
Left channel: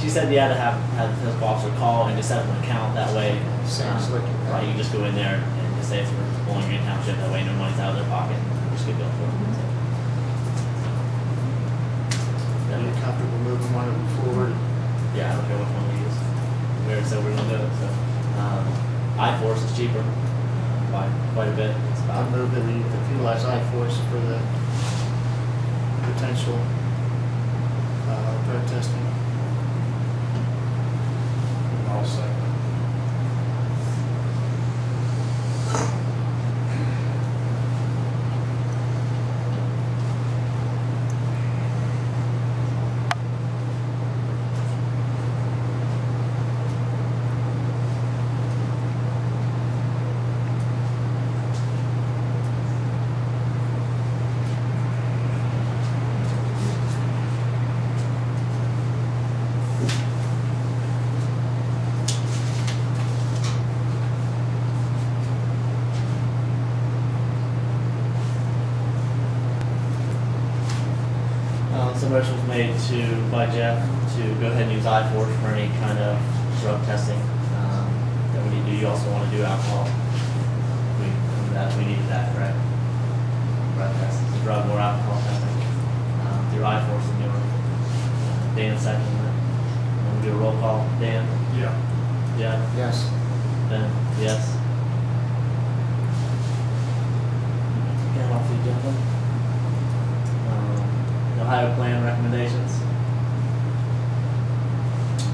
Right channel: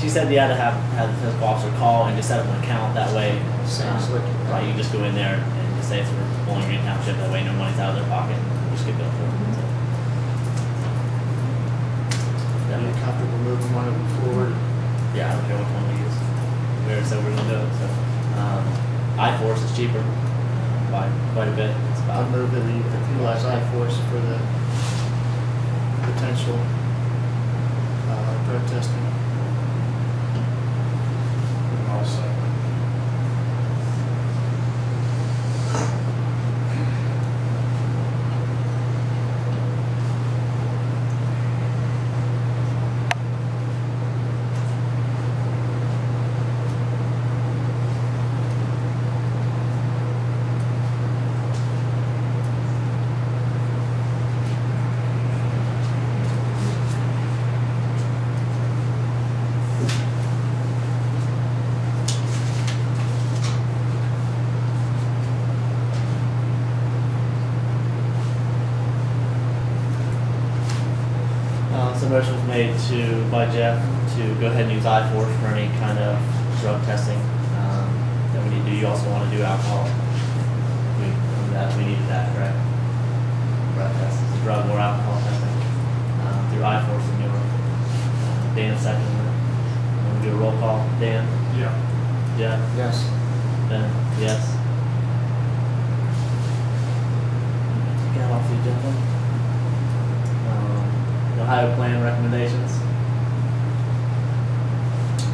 she said you had to have the physical officer call and just set up an account. That way, Same as Liquor. right, you just go in there and just say it's for Bowling Green Township. That way, no money's out of their pocket. And just get billed for it. So, Are you comfortable moving one of them forward? yeah, I don't care which one we use. We already said we're gonna do it. So, iForce is cheaper by quite a bit. It's I about move that we utilize iForce for the potential drug testing. I'll second. some motion was made by Jeff to go ahead and use iForce for any kind of drug testing that we need to do. You also want to do alcohol. We needed that, correct? Breath test, it's a drug or alcohol testing through iForce in Newark. Dan second. Want to do a roll call? Dan? Yeah. Jeff? Yes. Ben? Yes. Get off the agenda. Ohio plan recommendations.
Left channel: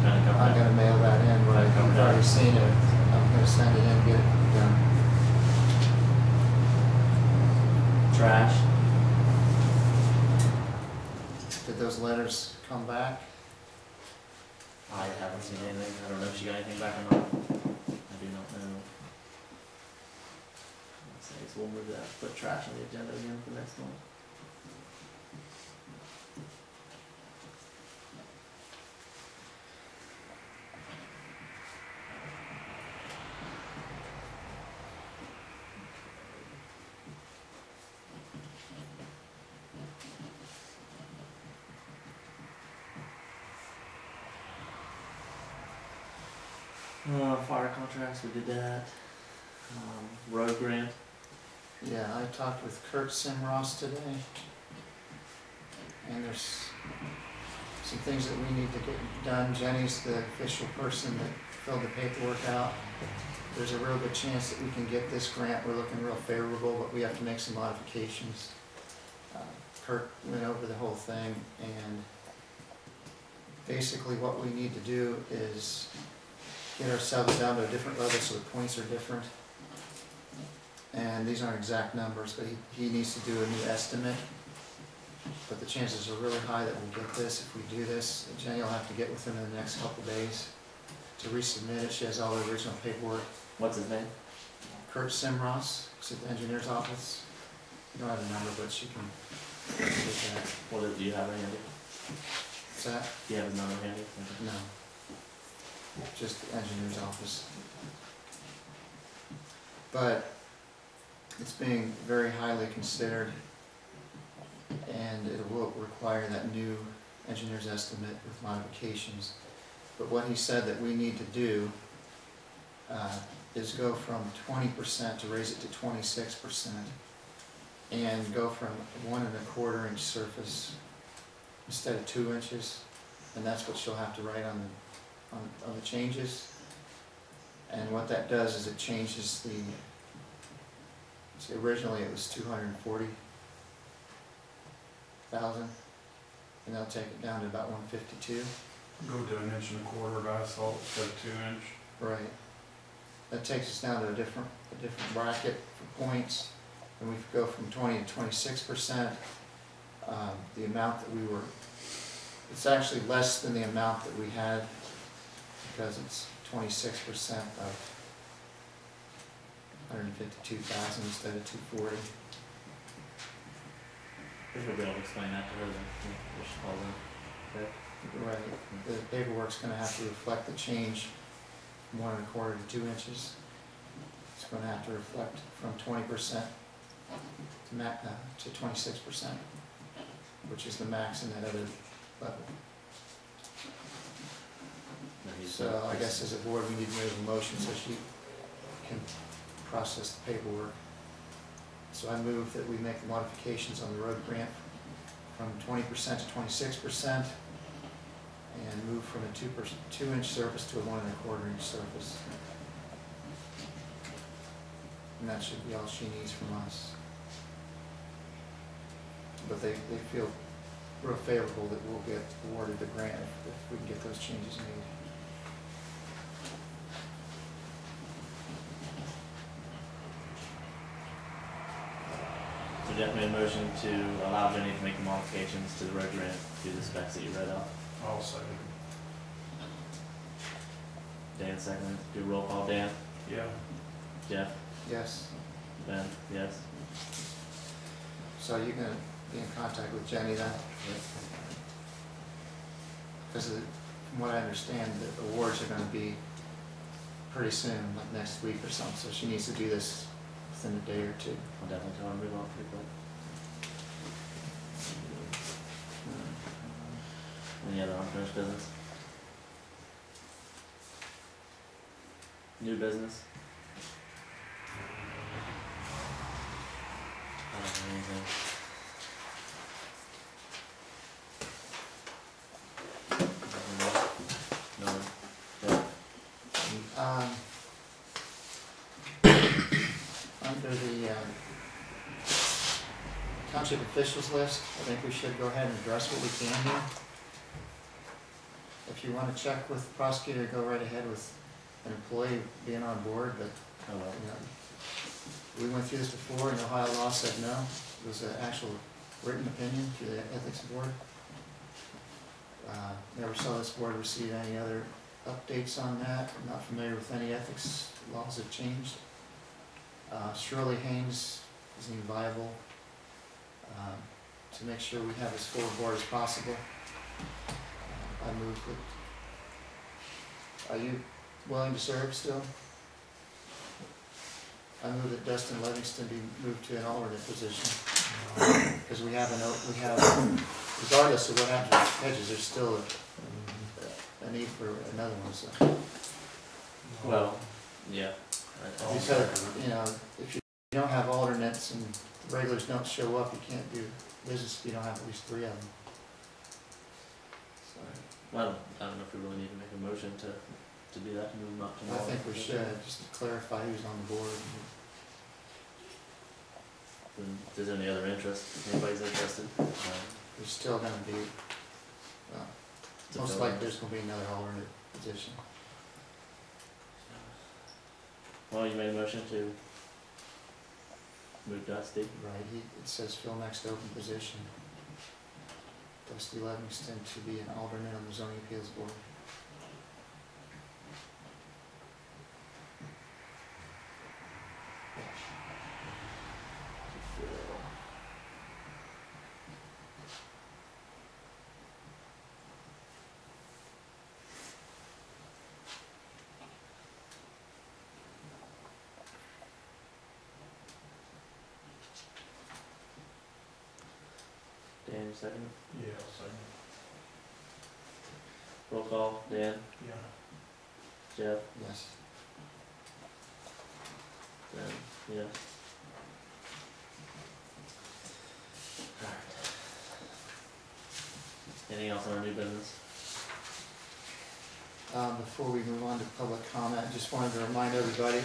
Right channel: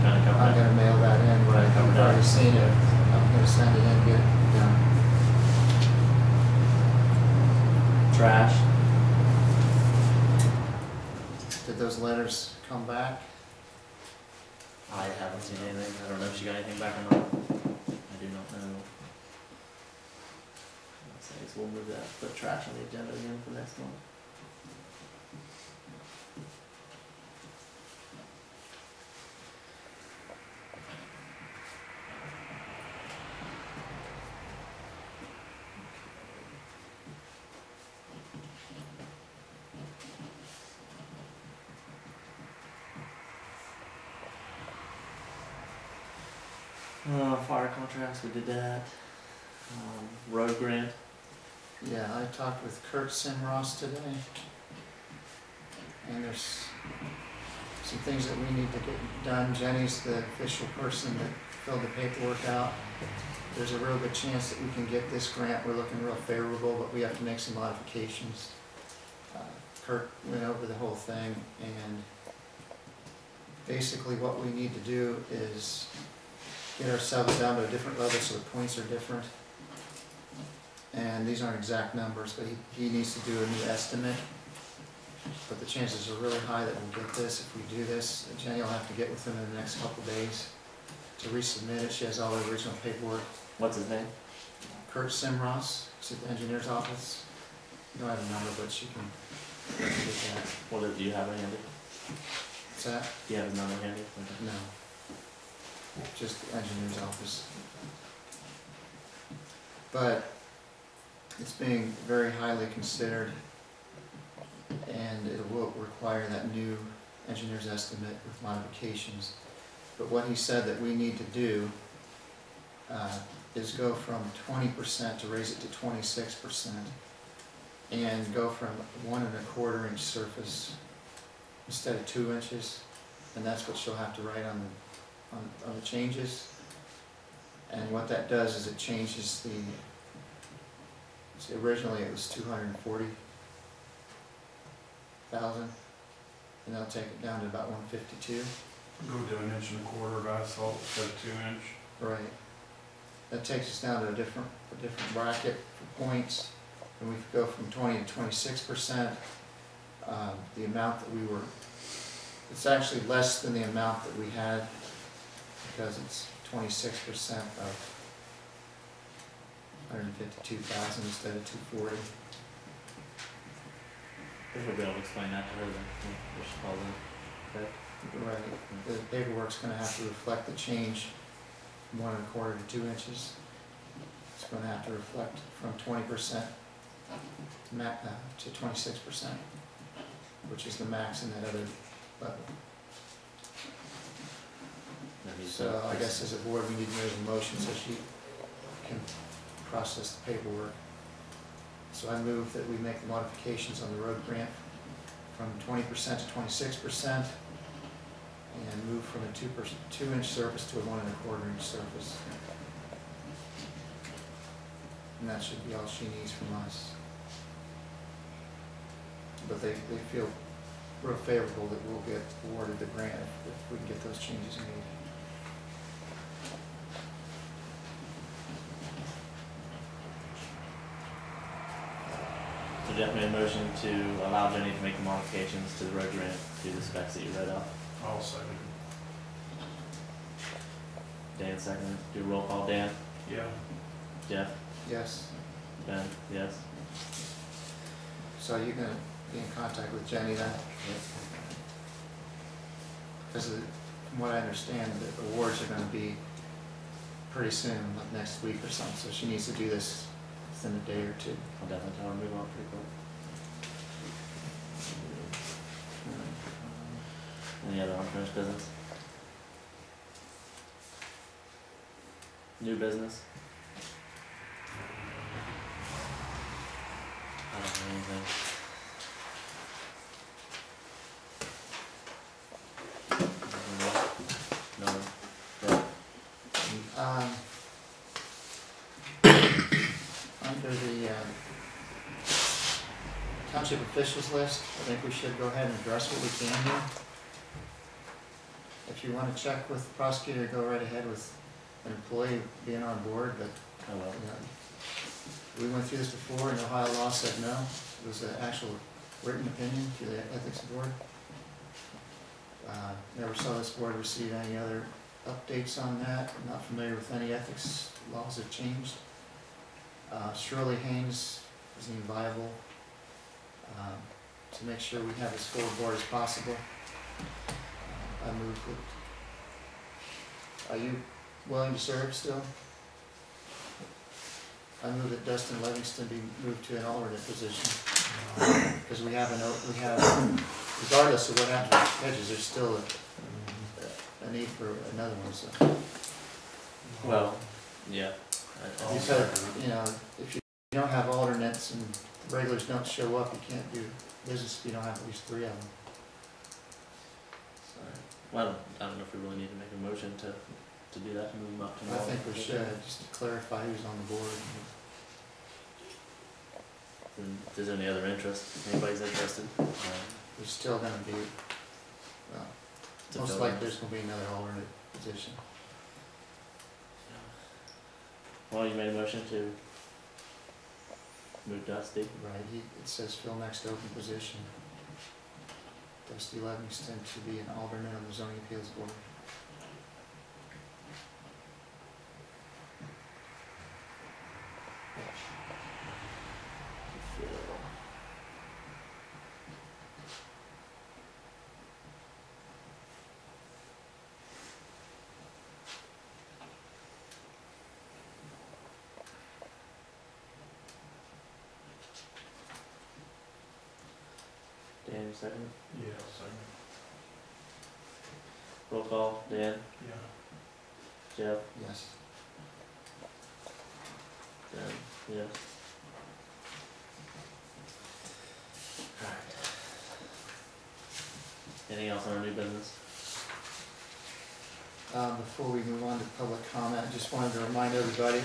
Kind of covered I'm that. gonna mail that in, but I've Covered that. already seen it. I'm gonna send it in, get it done. Trash. Did those letters come back? I haven't seen anything. I don't know if she got anything back or not. I do not know. Let's say so we'll move that, put trash on the agenda again for next month. Fire contracts, we did that. Road grant, Yeah, I talked with Kurt Simross today, and there's some things that we need to get done. Jenny's the official person that filled the paperwork out. There's a real good chance that we can get this grant. We're looking real favorable, but we have to make some modifications. Kurt went over the whole thing, and basically what we need to do is get ourselves down to a different level so the points are different. And these aren't exact numbers, but he needs to do a new estimate. But the chances are really high that we'll get this if we do this. Jenny will have to get with him in the next couple days to resubmit it. She has all the original paperwork. what's his name? Kurt Simross, it's at the engineer's office. You don't have a number, but she can get that. Do you have it handy? What's that? Do you have his number handy? Okay. No. Just the engineer's office. But it's being very highly considered, and it will require that new engineer's estimate with modifications. But what he said that we need to do is go from 20% to raise it to 26%, and go from 1 1/4 inch surface instead of 2 inches, and that's what she'll have to write on the changes. And what that does is it changes the, see, originally it was 240,000, and they'll take it down to about 152. Go to 1 1/4 of asphalt instead of 2 inch. Right. That takes us down to a different bracket for points, and we go from 20 to 26%. The amount that we were, it's actually less than the amount that we had, because it's 26% of 152,000 instead of 240. I think we'll be able to explain that to her then, we should call them, okay? Right. The paperwork's gonna have to reflect the change from 1 1/4 to 2 inches. It's gonna have to reflect from 20% to 26%, which is the max in that other level. So I guess as a board, we need to make a motion so she can process the paperwork. So I move that we make the modifications on the road grant from 20% to 26%, and move from a 2 inch surface to a 1 1/4 inch surface. And that should be all she needs from us. But they feel real favorable that we'll get awarded the grant if we can get those changes made. So Jeff made a motion to allow Jenny to make the modifications to the road grant to the specs that you read out. I'll second. Dan seconded. Do a roll call. Dan? Yeah. Jeff? Yes, Ben? Yes? so you're gonna be in contact with Jenny then? Because from what I understand, the awards are gonna be pretty soon, like next week or something, so she needs to do this within a day or two. I'll definitely tell her to move on pretty quick. Any other unfinished business? New business? I don't have anything. No. Under the township officials list, I think we should go ahead and address what we can here. If you want to check with the prosecutor, go right ahead with an employee being on board, but Oh, well. you know, we went through this before, and Ohio law said no. It was an actual written opinion through the ethics board. Never saw this board receive any other updates on that. I'm not familiar with any ethics laws have changed. Shirley Haynes isn't even viable. To make sure we have as full a board as possible, I move that. Are you willing to serve still? I move that Dustin Livingston be moved to an alternate position. Because we have, regardless of what happens with hedges, there's still a need for another one, so. Well, yeah. Because, you know, if you don't have alternates and regulars don't show up, you can't do business if you don't have at least 3 of them. Well, I don't know if we really need to make a motion to do that, to move them up to. I think we should, just to clarify who's on the board. And if there's any other interest, if anybody's interested. There's still gonna be, well, to most fill likely in. there's gonna be another alternate position. Well, you made a motion to move Dusty. Right, it says fill next open position. Dusty Livingston to be an alternate on the zoning appeals board. Dan, you second? Yeah, second. Roll call, Dan, Yeah. Jeff, Yes. Dan, yes. Alright. Anything else on our new business? Before we move on to public comment, I just wanted to remind everybody,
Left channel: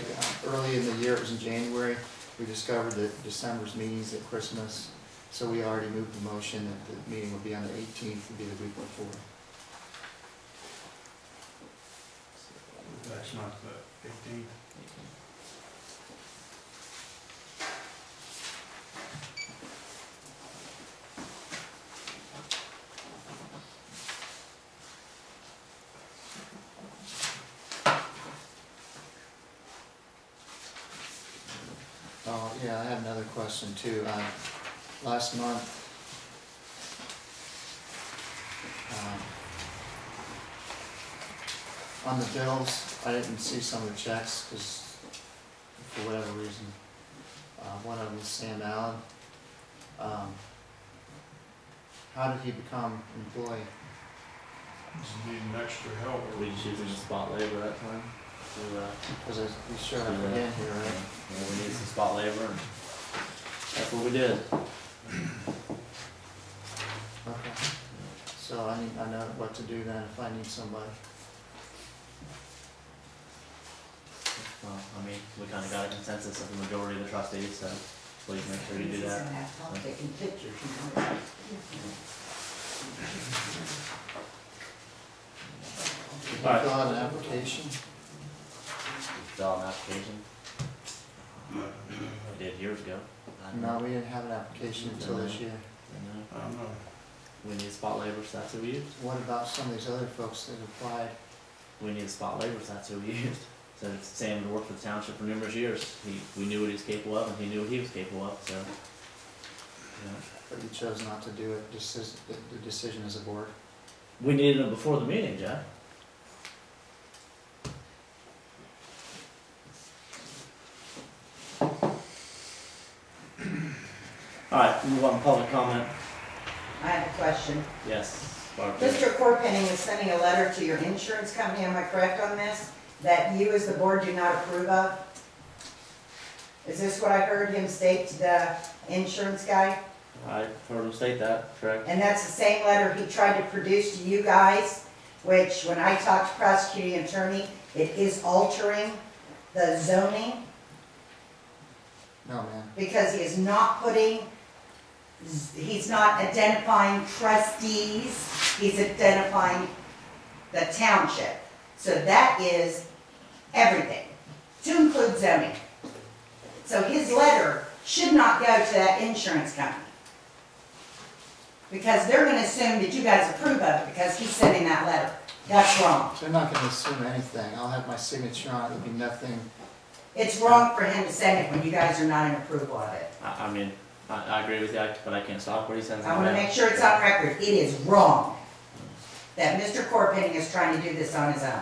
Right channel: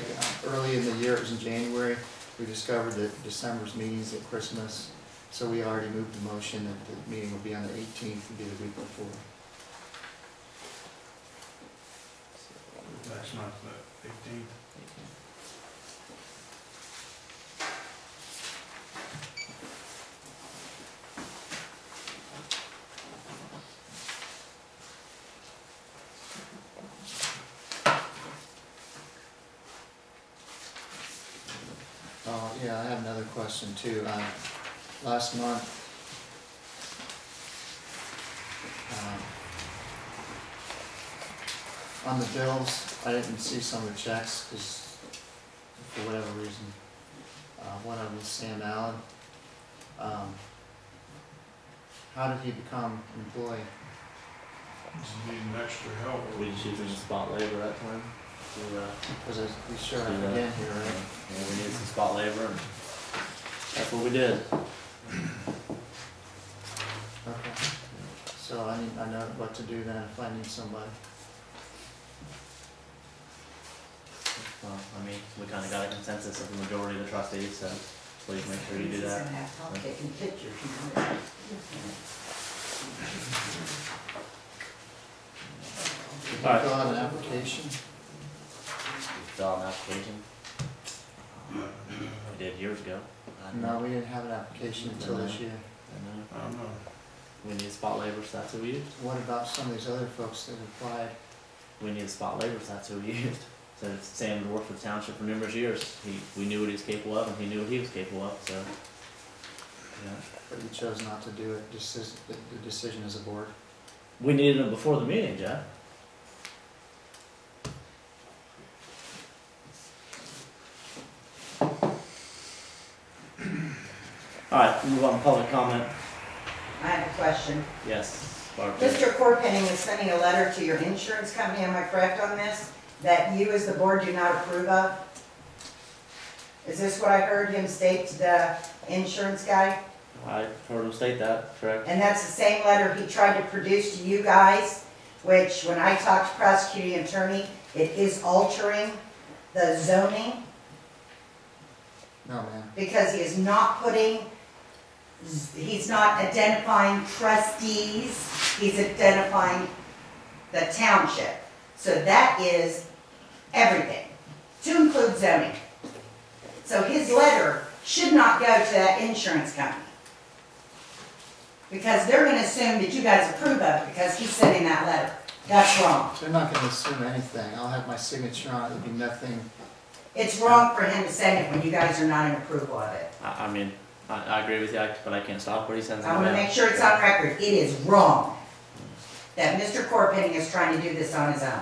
early in the year, it was in January, we discovered that December's meetings at Christmas, so we already moved the motion that the meeting would be on the 18th, would be the week before. Next month, the 18th. Oh, yeah, I have another question too. Last month, on the bills, I didn't see some of the checks because for whatever reason, one of them was Sam Allen. How did he become an employee? Just needing extra help. We just using the spot labor that time to, Because we sure have do that. again here, right? Yeah, we needed some spot labor and that's what we did. Okay. So I know what to do then if I need somebody. Well, I mean, we kinda got a consensus of the majority of the trustees, so please make sure you do He's that. gonna have help taking pictures, you know. Did you Alright. fill out an application? Fill out an application. We did years ago. I don't No, know. we didn't have an application until this year. I don't know. I don't know. We need spot labor, so that's who we used. What about some of these other folks that applied? We need spot labor, so that's who we used. So Sam had worked for the township for numerous years. We knew what he was capable of and he knew what he was capable of, so. Yeah. But you chose not to do it, the decision as a board? We needed him before the meeting, Jeff. Alright, move on to public comment. I have a question. Yes, Barb. Mr. Corpenning is sending a letter to your insurance company, am I correct on this? That you as the board do not approve of? Is this what I heard him state to the insurance guy? I heard him state that, correct? And that's the same letter he tried to produce to you guys, which when I talked to prosecuting attorney, it is altering the zoning No, man. because he is not putting, he's not identifying trustees, he's identifying the township. So that is everything, to include zoning. So his letter should not go to that insurance company. Because they're gonna assume that you guys approve of it because he's sending that letter. That's wrong. They're not gonna assume anything. I'll have my signature on it, there'll be nothing. It's wrong for him to send it when you guys are not in approval of it. I mean, I agree with you, but I can't stop what he sends in I the wanna mail. make sure it's on record, it is wrong that Mr. Corpenning is trying to do this on his own,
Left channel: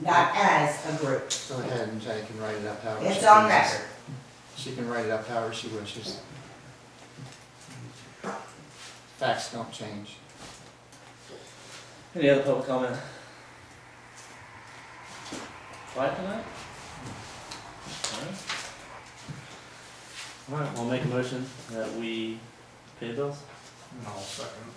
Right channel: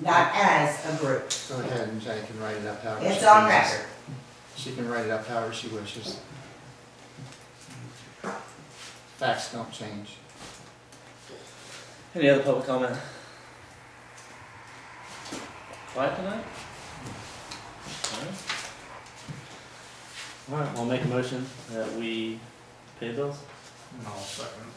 not as a group. Go ahead and Jenny can write it up however she It's on pleases. record. She can write it up however she wishes. Facts don't change. Any other public comment? Quiet tonight? Alright, we'll make a motion that we pay bills. And I'll second.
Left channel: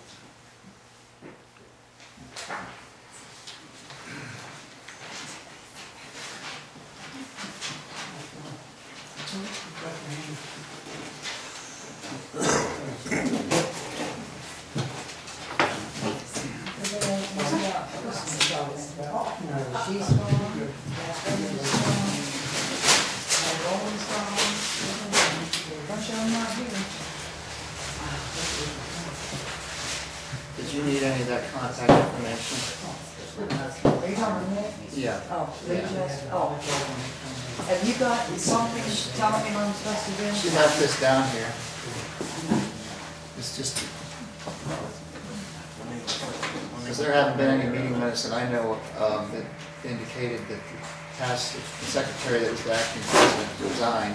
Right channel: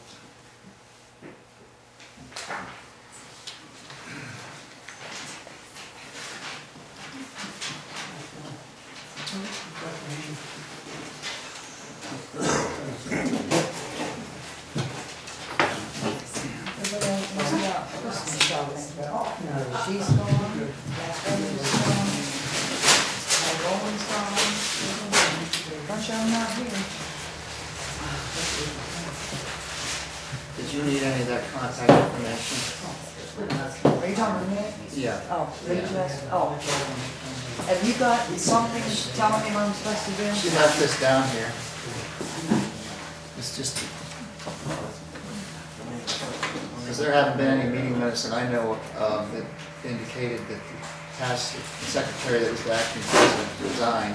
She's gone, Roland's gone, bunch of them not here. Did you need any of that contact information? Are you talking to me? Yeah. Oh, they just, oh. Have you got something telling me what I'm supposed to do? She left this down here. It's just, because there haven't been any meeting minutes that I know of that indicated that the past secretary that was the acting president resigned.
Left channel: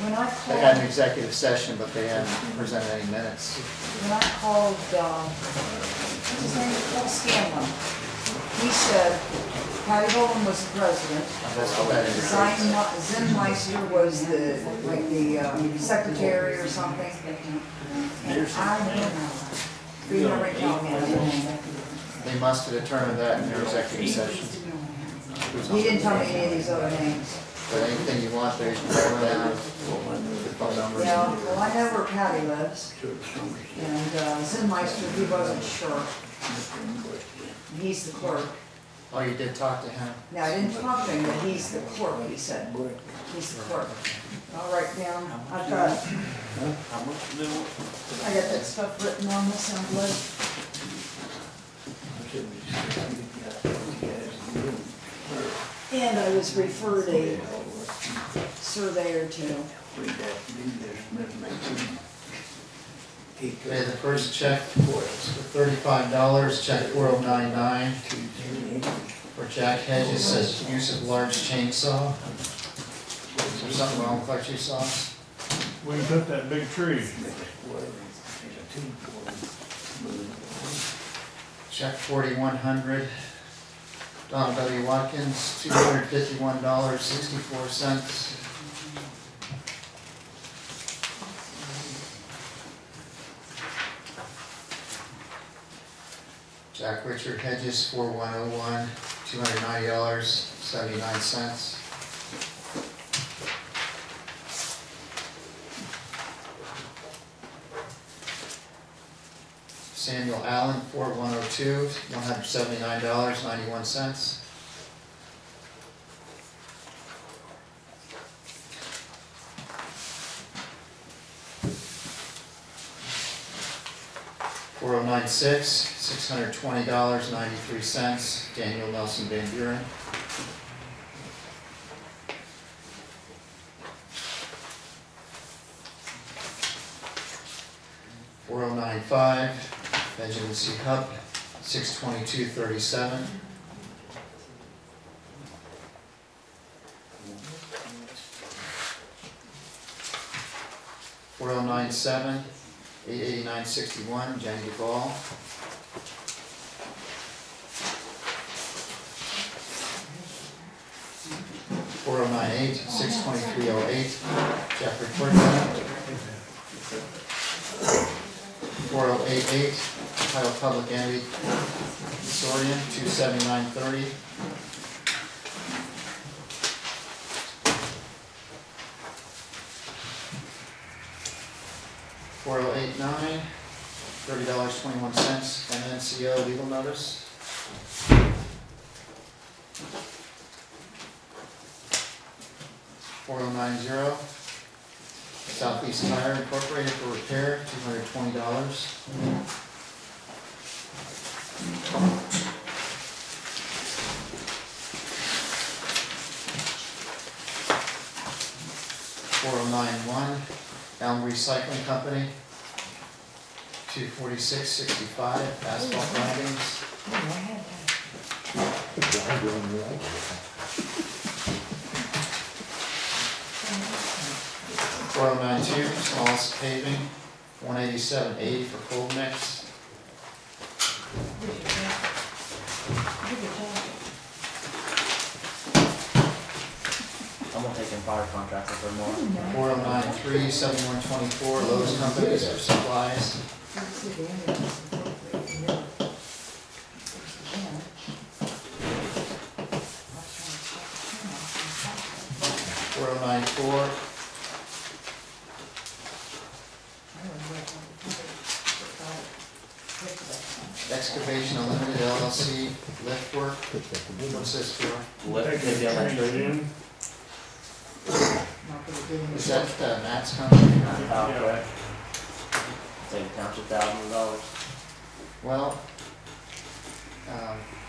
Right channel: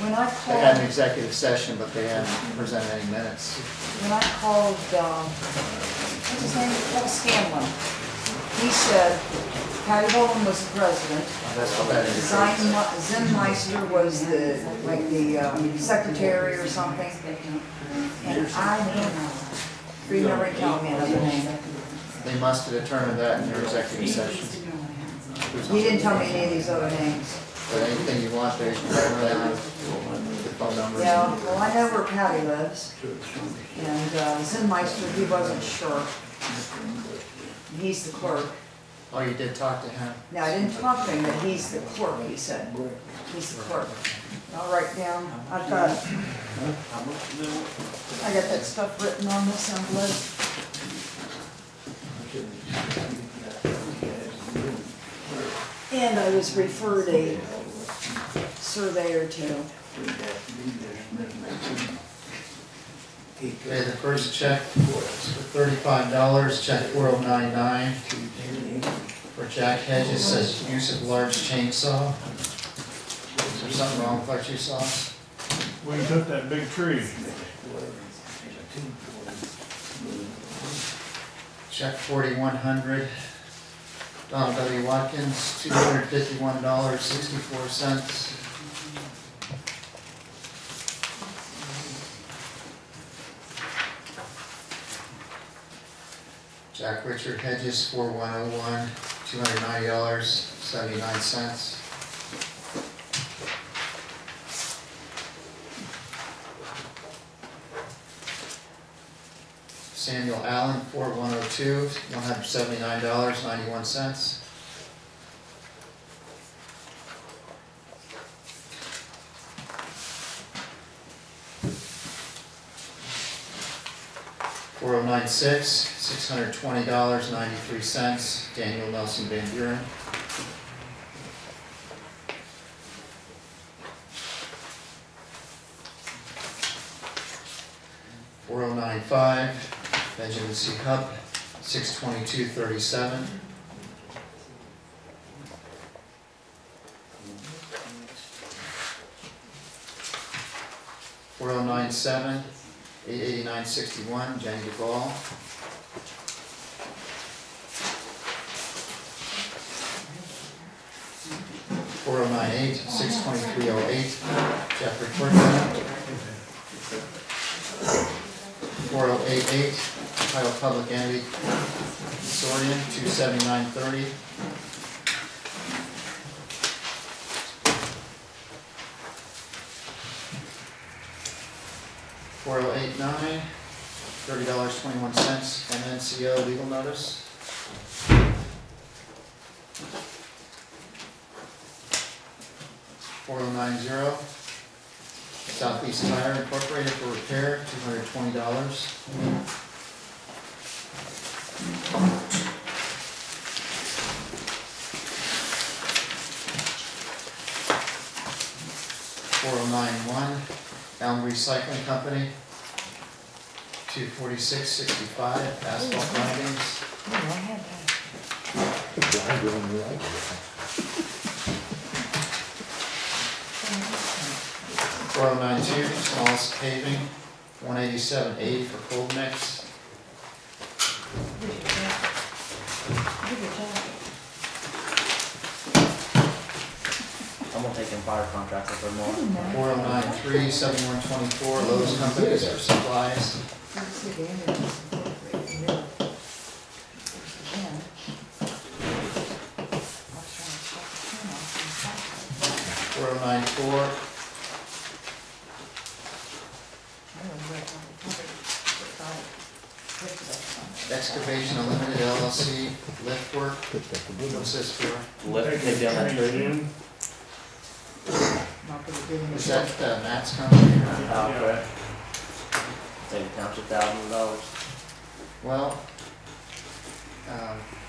When I They had an called, executive session, but they hadn't presented any minutes. when I called, what's his name, Paul Scanlon, he said Patty Bowen was the president. That's what that indicates. Zenmeister was the, like the secretary or something. And I don't know. You never tell me another name. They must have determined that in their executive session. He didn't tell me any of these other names. But anything you want there, you can write down the phone numbers. Yeah, well, I know where Patty lives. And Zenmeister, he wasn't sure. He's the clerk. Oh, you did talk to him? No, I didn't talk to him, but he's the clerk, he said. He's the clerk. I'll write down, I got that stuff written on this envelope. And I was referred a surveyor to. Okay, the first check for $35, check 4099 for Jack Hedges, says use of large chainsaw. Is there something wrong with our two saws? We took that big tree. Check 4100, Donald W. Watkins, $251.64. Jack Richard Hedges, 4101, $290.79. Samuel Allen, 4102, $179.91. $4096, $620.93, Daniel Nelson Van Buren. $4095, Benjamin C. Hupp, $622.37. $4097, $889.61, Jenny Duvall. $4098, $623.08, Jeffrey Quirkman. 4088, Ohio Public Entity Consortium, $279.30. $4089, $30.21, MNCO legal notice. $4090, Southeast Tire Incorporated for repair, $220. 4091, Elm Recycling Company, 24665, asphalt grindings. Oh, I had that. 4092, Smallest Paving, 18780 for cold mix. Where's your jacket? Where's your jacket? I'm gonna take in fire contracts if they're more. 4093, 7124, Lowe's Companies for supplies. Let's see the end of this incorporated here. There's the end. I was trying to stop the camera off and stop it. 4094, I don't know where it was. It's got it. Click that Excavation Unlimited LLC, lift work. What's this for? Lift, take down that tree. one. Not gonna do any. Is that Matt's company? Okay. Save the township thousands of dollars. Well,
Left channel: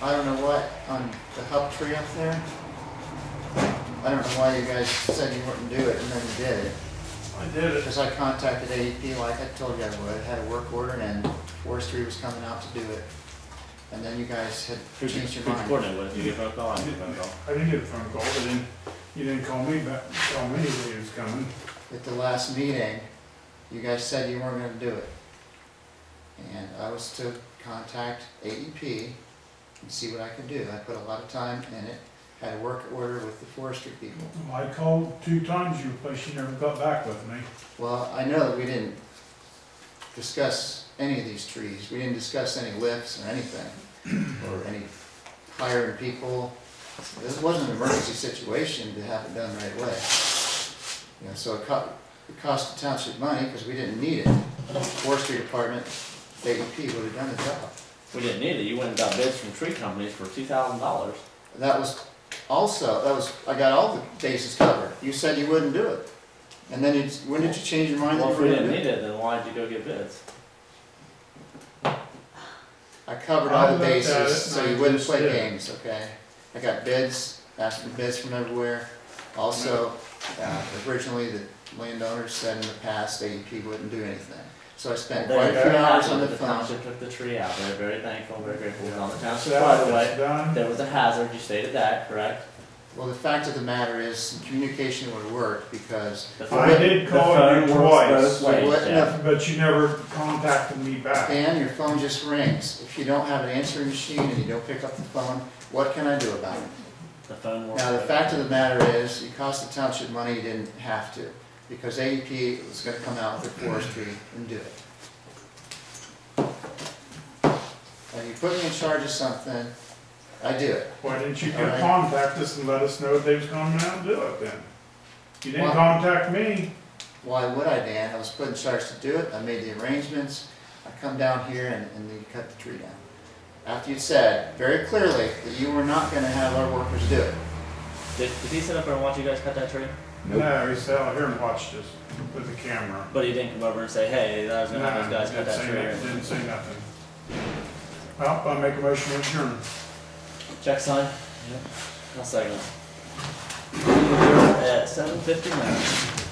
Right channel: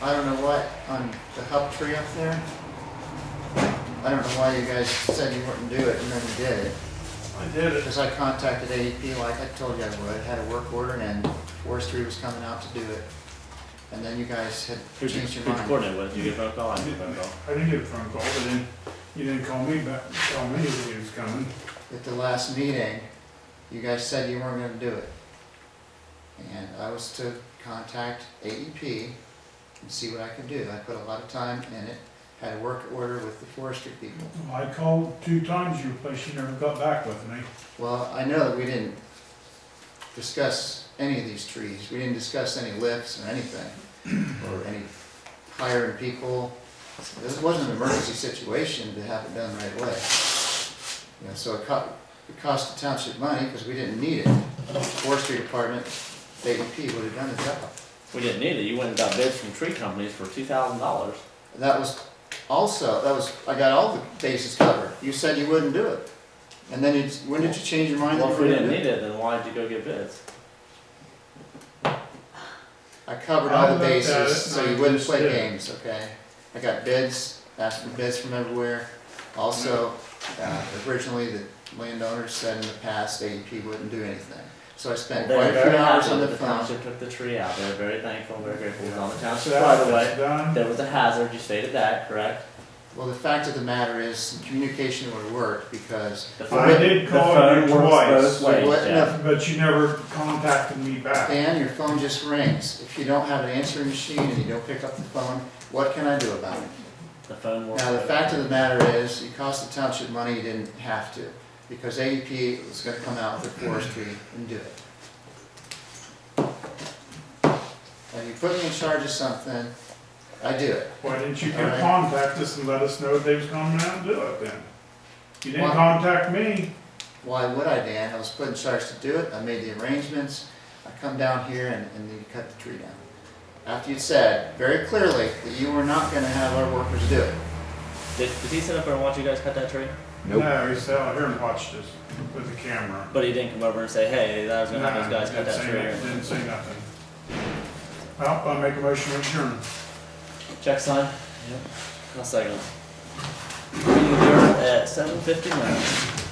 I don't know what, on the hub tree up there, I don't know why you guys said you wouldn't do it and then you did it. I did it. Because I contacted AEP like I told you I would, had a work order and forestry was coming out to do it. And then you guys had Who'd you changed your mind. coordinate with? Did you get a phone call? I didn't get a phone call. I didn't get a phone call, but then you didn't call me back, tell me that he was coming. At the last meeting, you guys said you weren't gonna do it. And I was to contact AEP and see what I could do. I put a lot of time in it, had a work order with the forestry people. I called 2 times your place, you never got back with me. Well, I know that we didn't discuss any of these trees. We didn't discuss any lifts or anything, or any hiring people. This wasn't an emergency situation to have it done right away. You know, so it cost the township money because we didn't need it. The forestry department, AEP would have done the job. We didn't need it. You went and got bids from tree companies for $2,000. That was also, I got all the bases covered. You said you wouldn't do it. And then when did you change your mind? Well, that if you we were didn't gonna need do it, then why did you go get bids? I covered I all the looked at it bases, and so I you wouldn't just play did. games, okay? I got bids, asked for bids from everywhere. Also, originally, the landowners said in the past, AEP wouldn't do anything. So I spent They were quite a very few hours happy on the that the phone. township took the tree out. They were very thankful, very grateful. It was on the township So right that's away. done. There was a hazard. You stated that, correct? Well, the fact of the matter is, communication would have worked because The I did the call phone you works twice. both ways, You wouldn't Jeff. have- But you never contacted me back. Dan, your phone just rings. If you don't have an answering machine and you don't pick up the phone, what can I do about it? The phone works. Now, the both fact of ways. the matter is, it cost the township money, you didn't have to, because AEP was gonna come out with their forestry and do it. And you put me in charge of something, I do it. Why didn't you All right. contact us and let us know they was coming out and do it then? You didn't Well- contact me. Why would I, Dan? I was put in charge to do it, I made the arrangements, I come down here and then you cut the tree down. After you said very clearly that you were not gonna have our workers do it. Did he sit up there and watch you guys cut that tree? No, he sat out here and watched us with the camera. But he didn't come over and say, hey, I was gonna have No, those guys cut didn't that say tree. nothing, didn't say nothing. Well, I'll make a motion to adjourn. Check sign? Yep. I'll second. We're at 7:59.